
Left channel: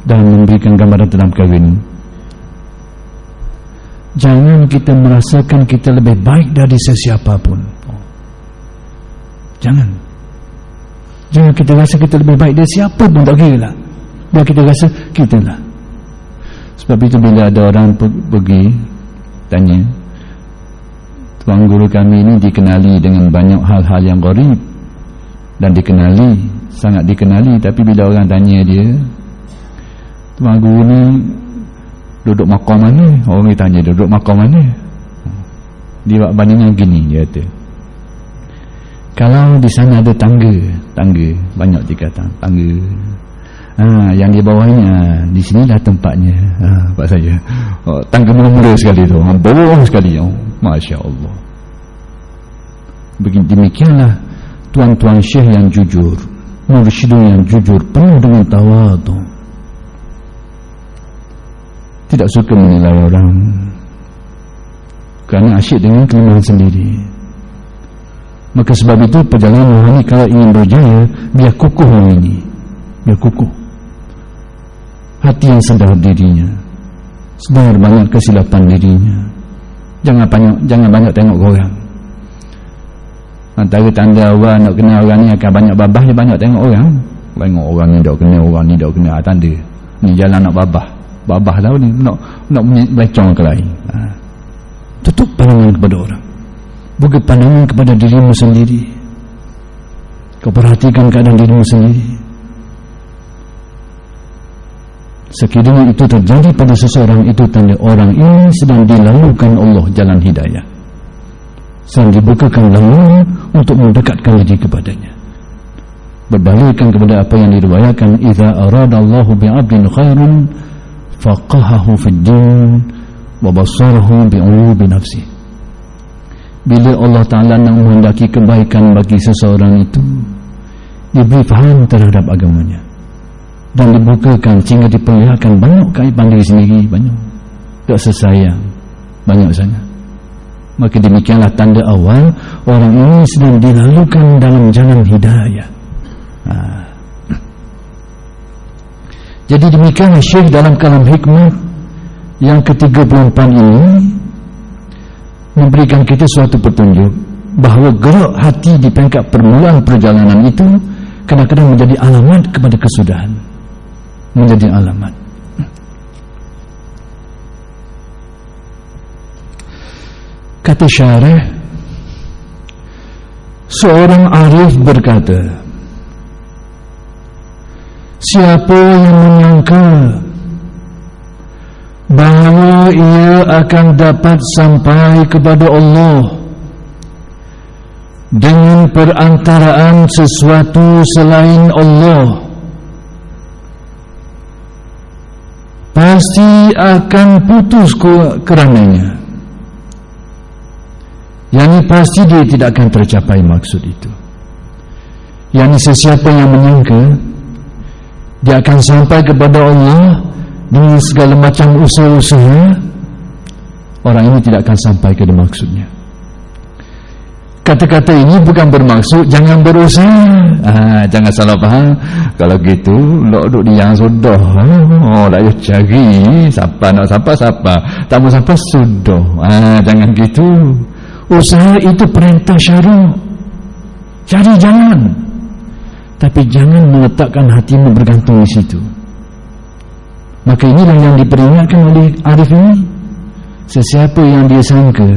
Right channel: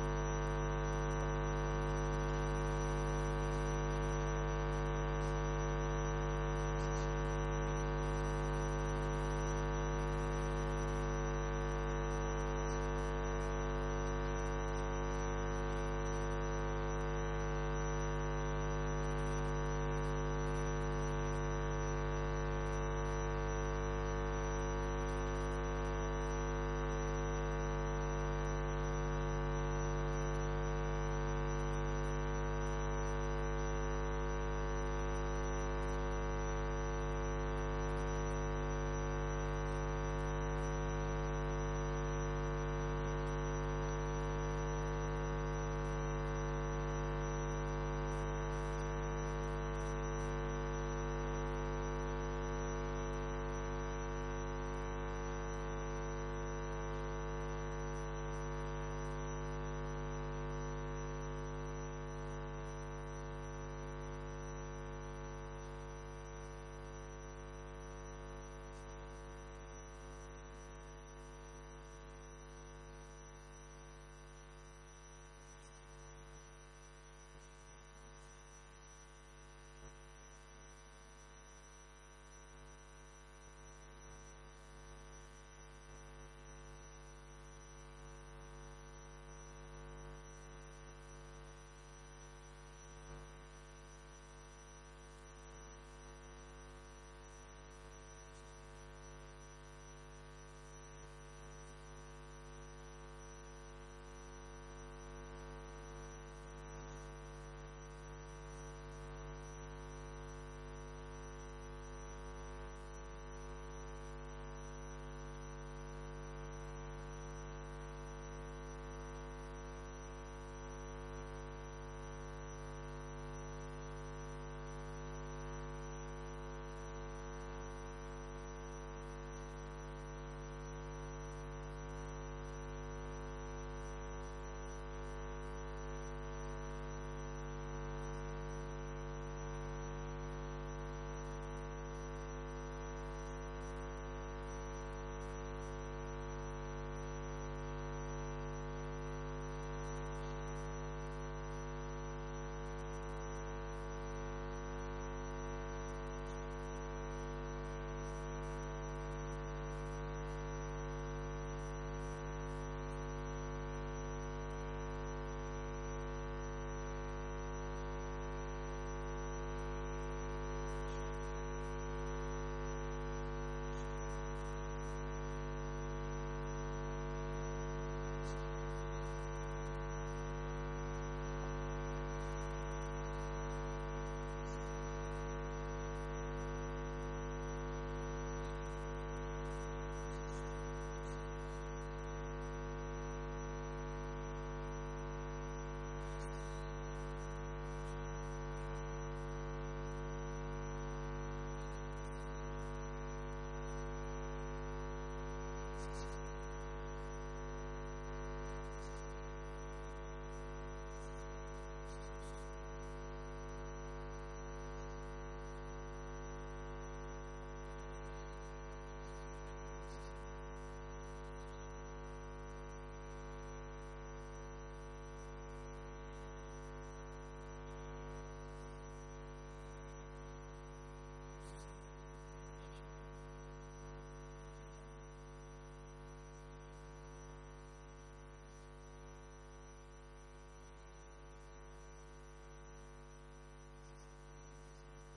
dalam memberikan gambaran tentang perkara ini. Jangan kita merasakan kita lebih baik dari sesiapa pun. Jangan kita rasa kita lebih baik dari siapa pun, tak kira lah. Biar kita rasa kita lah. Sebab itu bila ada orang pergi tanya, tuan guru kami ini dikenali dengan banyak hal-hal yang gharib dan sangat dikenali, tapi bila orang tanya dia, tuan guru ni duduk makam mana? Orang ni tanya duduk makam mana? Dia buat bandingan gini, dia kata, kalau di sana ada tangga banyak tingkatan tangga, yang di bawahnya, di sinilah tempatnya, tempat saya. Tangga mula-mula sekali tu, bawah sekali, Masya Allah. Demikianlah tuan-tuan syekh yang jujur, mursyidun yang jujur, penuh dengan tawadhu, tidak suka menilai orang kerana asyik dengan kelemahan sendiri. Maka sebab itu perjalanan rohani kalau ingin berjaya, biar kukuh ini, biar kukuh hati yang sedar dirinya, sedar banyak kesilapan dirinya. Jangan banyak tengok orang. Antara tanda awal nak kenal orang ni akan banyak babah, dia banyak tengok orang. Tengok orang ni dak kenal, orang ni dak kenal, tanda ni jalan nak babah tahu ni, nak melecong ke lain. Tutup pandangan kepada orang, buka pandangan kepada dirimu sendiri. Kau perhatikan keadaan dirimu sendiri. Sekiranya itu terjadi pada seseorang, itu tanda orang ini sedang dilalukan Allah jalan hidayah, sedang dibukakan laluan untuk mendekatkan diri kepadanya. Berbalikan kepada apa yang diriwayatkan, idza aradallahu bi'abdin khairun faqahahu fid din wa basarahu bi'uyubi nafsi. Bila Allah Ta'ala nak menghendaki kebaikan bagi seseorang itu, diberi faham terhadap agamanya dan dibukakan sehingga diperlihatkan banyak keaiban diri sendiri, banyak tak sesayang, banyak sangat. Maka demikianlah tanda awal orang ini sedang dilalukan dalam jalan hidayah. Jadi demikianlah Syekh dalam kalam hikmah yang ke-34 ini memberikan kita suatu petunjuk bahawa gerak hati di peringkat permulaan perjalanan itu kadang-kadang menjadi alamat kepada kesudahan, menjadi alamat. Kata syarih, seorang arif berkata, siapa yang menyangka bahawa ia akan dapat sampai kepada Allah dengan perantaraan sesuatu selain Allah, pasti akan putus kerananya. Yang pasti dia tidak akan tercapai maksud itu. Yang sesiapa yang menyangka dia akan sampai kepada Allah dengan segala macam usaha-usaha, orang ini tidak akan sampai ke maksudnya. Kata-kata ini bukan bermaksud jangan berusaha. Jangan salah faham. Kalau gitu, duduk di yang sudah. Dah cari siapa nak siapa. Tak mau siapa sudah. Jangan gitu. Usaha itu perintah syara'. Cari jalan. Tapi jangan meletakkan hatimu bergantung di situ. Maka inilah yang diperingatkan oleh arif ini. Sesiapa yang dia sangka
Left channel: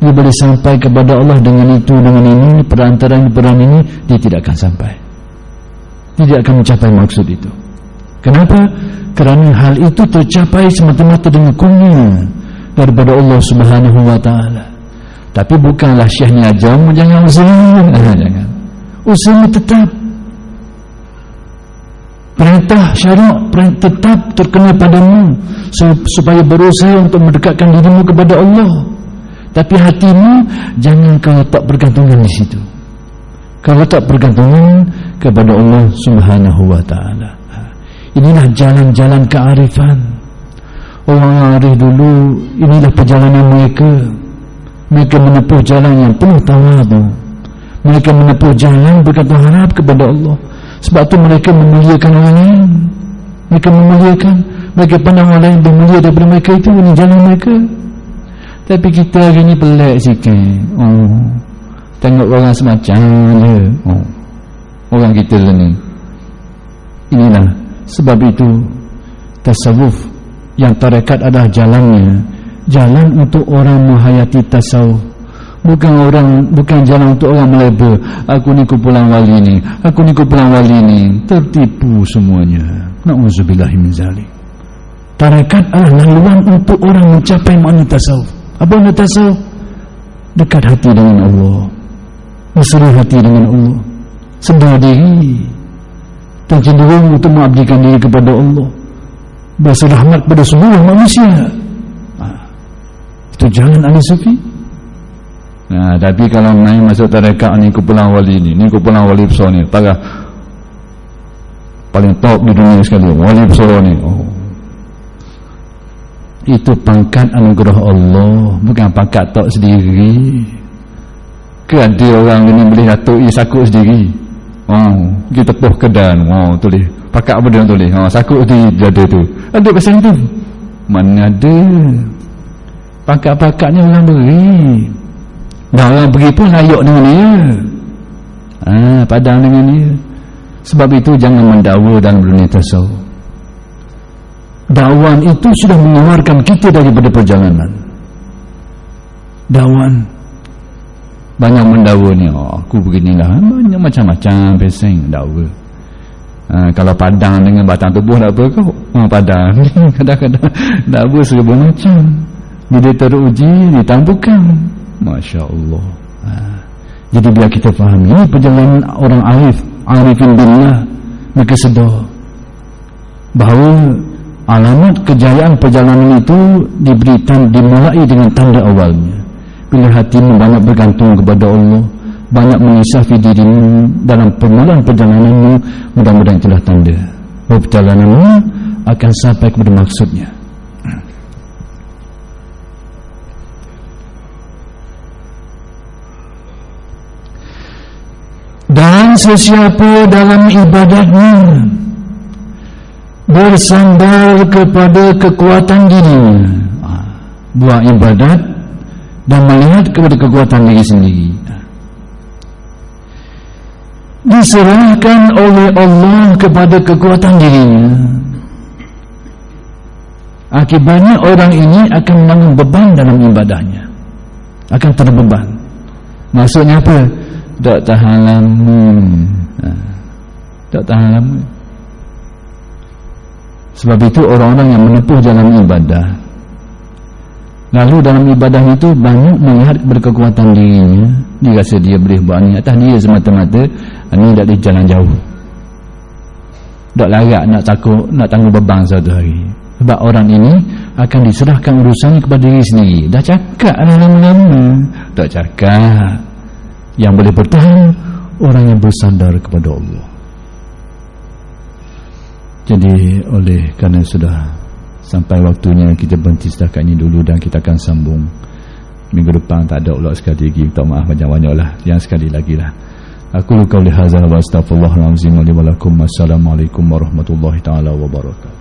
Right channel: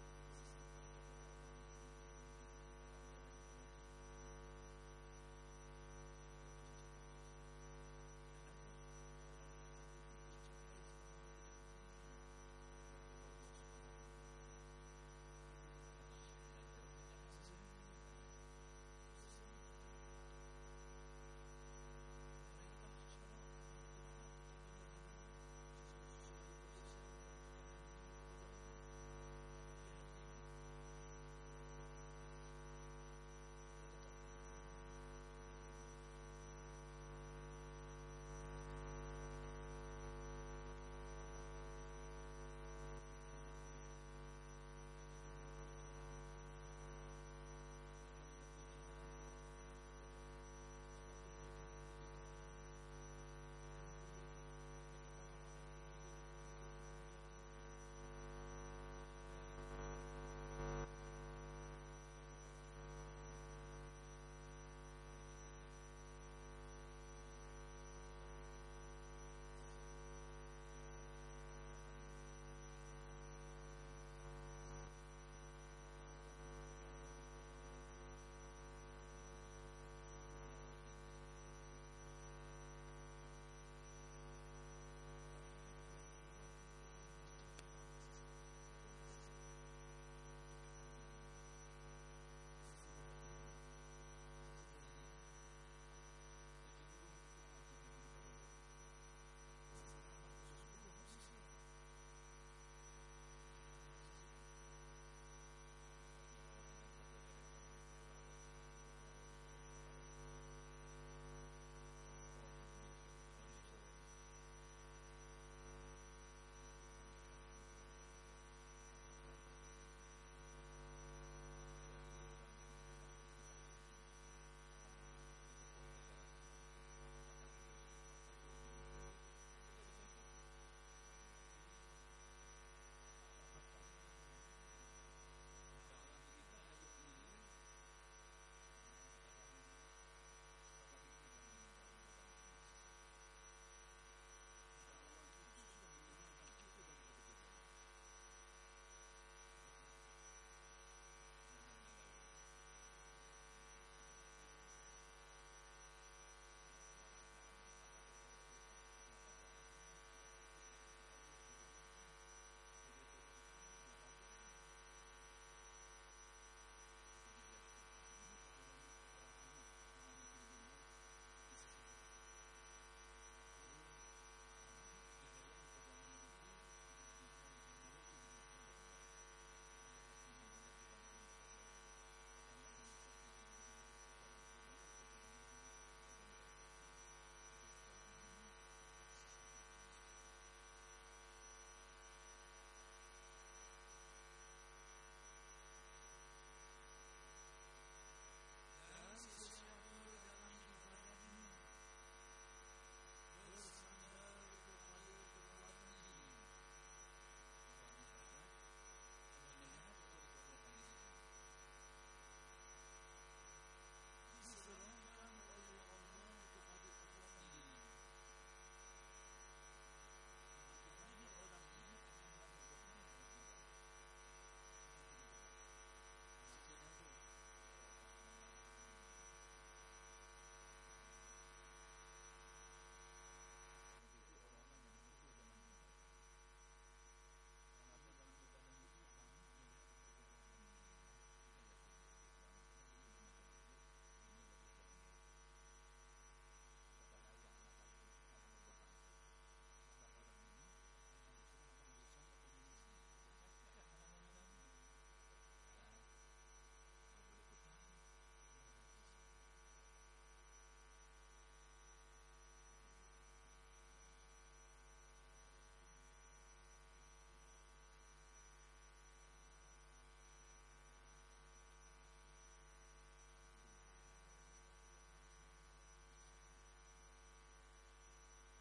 dia boleh sampai kepada Allah dengan itu, dengan ini, perantaraan ini, dia tidak akan sampai. Tidak akan mencapai maksud itu. Kenapa? Kerana hal itu tercapai semata-mata dengan kurnia daripada Allah Subhanahu wa ta'ala. Tapi bukanlah syekhnya ajamu, jangan usaha. Jangan. Usaha tetap. Perintah syarak tetap terkena padamu supaya berusaha untuk mendekatkan dirimu kepada Allah. Tapi hatimu jangan kau letak bergantungan di situ. Kau letak bergantungan kepada Allah Subhanahu wa ta'ala. Inilah jalan-jalan kearifan. Orang arif dulu, inilah perjalanan mereka. Mereka menempuh jalan yang penuh tawadhu. Mereka menempuh jalan bergantung harap kepada Allah. Sebab tu mereka memuliakan orang lain. Mereka memuliakan, mereka pandang orang lain lebih mulia daripada mereka. Itu ini jalan mereka. Tapi kita hari ni pelik sikit. Tengok orang semacam je. Orang kita ni. Inilah sebab itu tasawuf yang tarekat adalah jalannya. Jalan untuk orang menghayati tasawuf. Bukan jalan untuk orang melebel. Aku ni kumpulan wali ni, aku ni kumpulan wali ni. Tertipu semuanya. Na'udzubillahi min zalik. Tarekat adalah laluan untuk orang mencapai makna tasawuf. Apa makna tasawuf? Dekat hati dengan Allah, mesra hati dengan Allah, sedar diri dan cenderung untuk mengabdikan diri kepada Allah, berasa rahmat pada semua manusia. Itu jalan ahli sufi. Tapi kalau naik masuk tarekat ni kumpulan wali ni kumpulan wali besar ni, parah paling top di dunia sekali, wali besar ni. Itu pangkat anugerah Allah, bukan pangkat tok sendiri. Ke ada orang ni boleh datuk sakut sendiri. Kita tepuh kedan, tulis pangkat apa dia tulis, sakut di dada tu. Ada pasal tu. Mana ada pangkat-pangkatnya orang beri. Dan orang beri pun layak dengan dia. Padang dengan dia. Sebab itu jangan mendakwa dalam dunia tasawuf. Dakwan itu sudah mengeluarkan kita daripada perjalanan. Dakwan banyak mendakwa ni. Aku beginilah. Banyak macam-macam pesing dakwa. Kalau padang dengan batang tubuh tak apa kau. Padang kadang-kadang dakwa serba macam. Bila teruji ditampukan. Masya Allah. Jadi biar kita fahami perjalanan orang arifin billah. Mereka sedar bahawa alamat kejayaan perjalanan itu dimulai dengan tanda awalnya. Bila hatimu banyak bergantung kepada Allah, banyak mengisafi dirimu dalam permulaan perjalananmu, mudah-mudahan itulah tanda bahawa perjalananmu akan sampai kepada maksudnya. Dan sesiapa dalam ibadatnya bersandar kepada kekuatan dirinya, buat ibadat dan melihat kepada kekuatan diri sendiri, diserahkan oleh Allah kepada kekuatan dirinya. Akibatnya orang ini akan menanggung beban dalam ibadahnya. akan terbeban. Maksudnya apa? Tak tahan lama. Tak tahan lama. Sebab itu orang-orang yang menempuh jalan ibadah, lalu dalam ibadah itu banyak melihat berkekuatan dirinya, dia rasa dia boleh buat ni atas dia semata-mata, ni tak di jalan jauh, tak larat nak takut, nak tanggung beban satu hari. Sebab orang ini akan diserahkan urusannya kepada diri sendiri. Dah cakap lama-lama, tak cakap. Yang boleh bertahan orang yang bersandar kepada Allah. Jadi oleh kerana sudah sampai waktunya, kita berhenti setakat ini dulu dan kita akan sambung minggu depan. Tak ada ulang sekali lagi, minta maaf banyak-banyak lah, yang sekali lagi lah. Aku qauli hadzal wa astaghfirullahalazim wa li wa lakum. Assalamualaikum warahmatullahi taala wabarakatuh.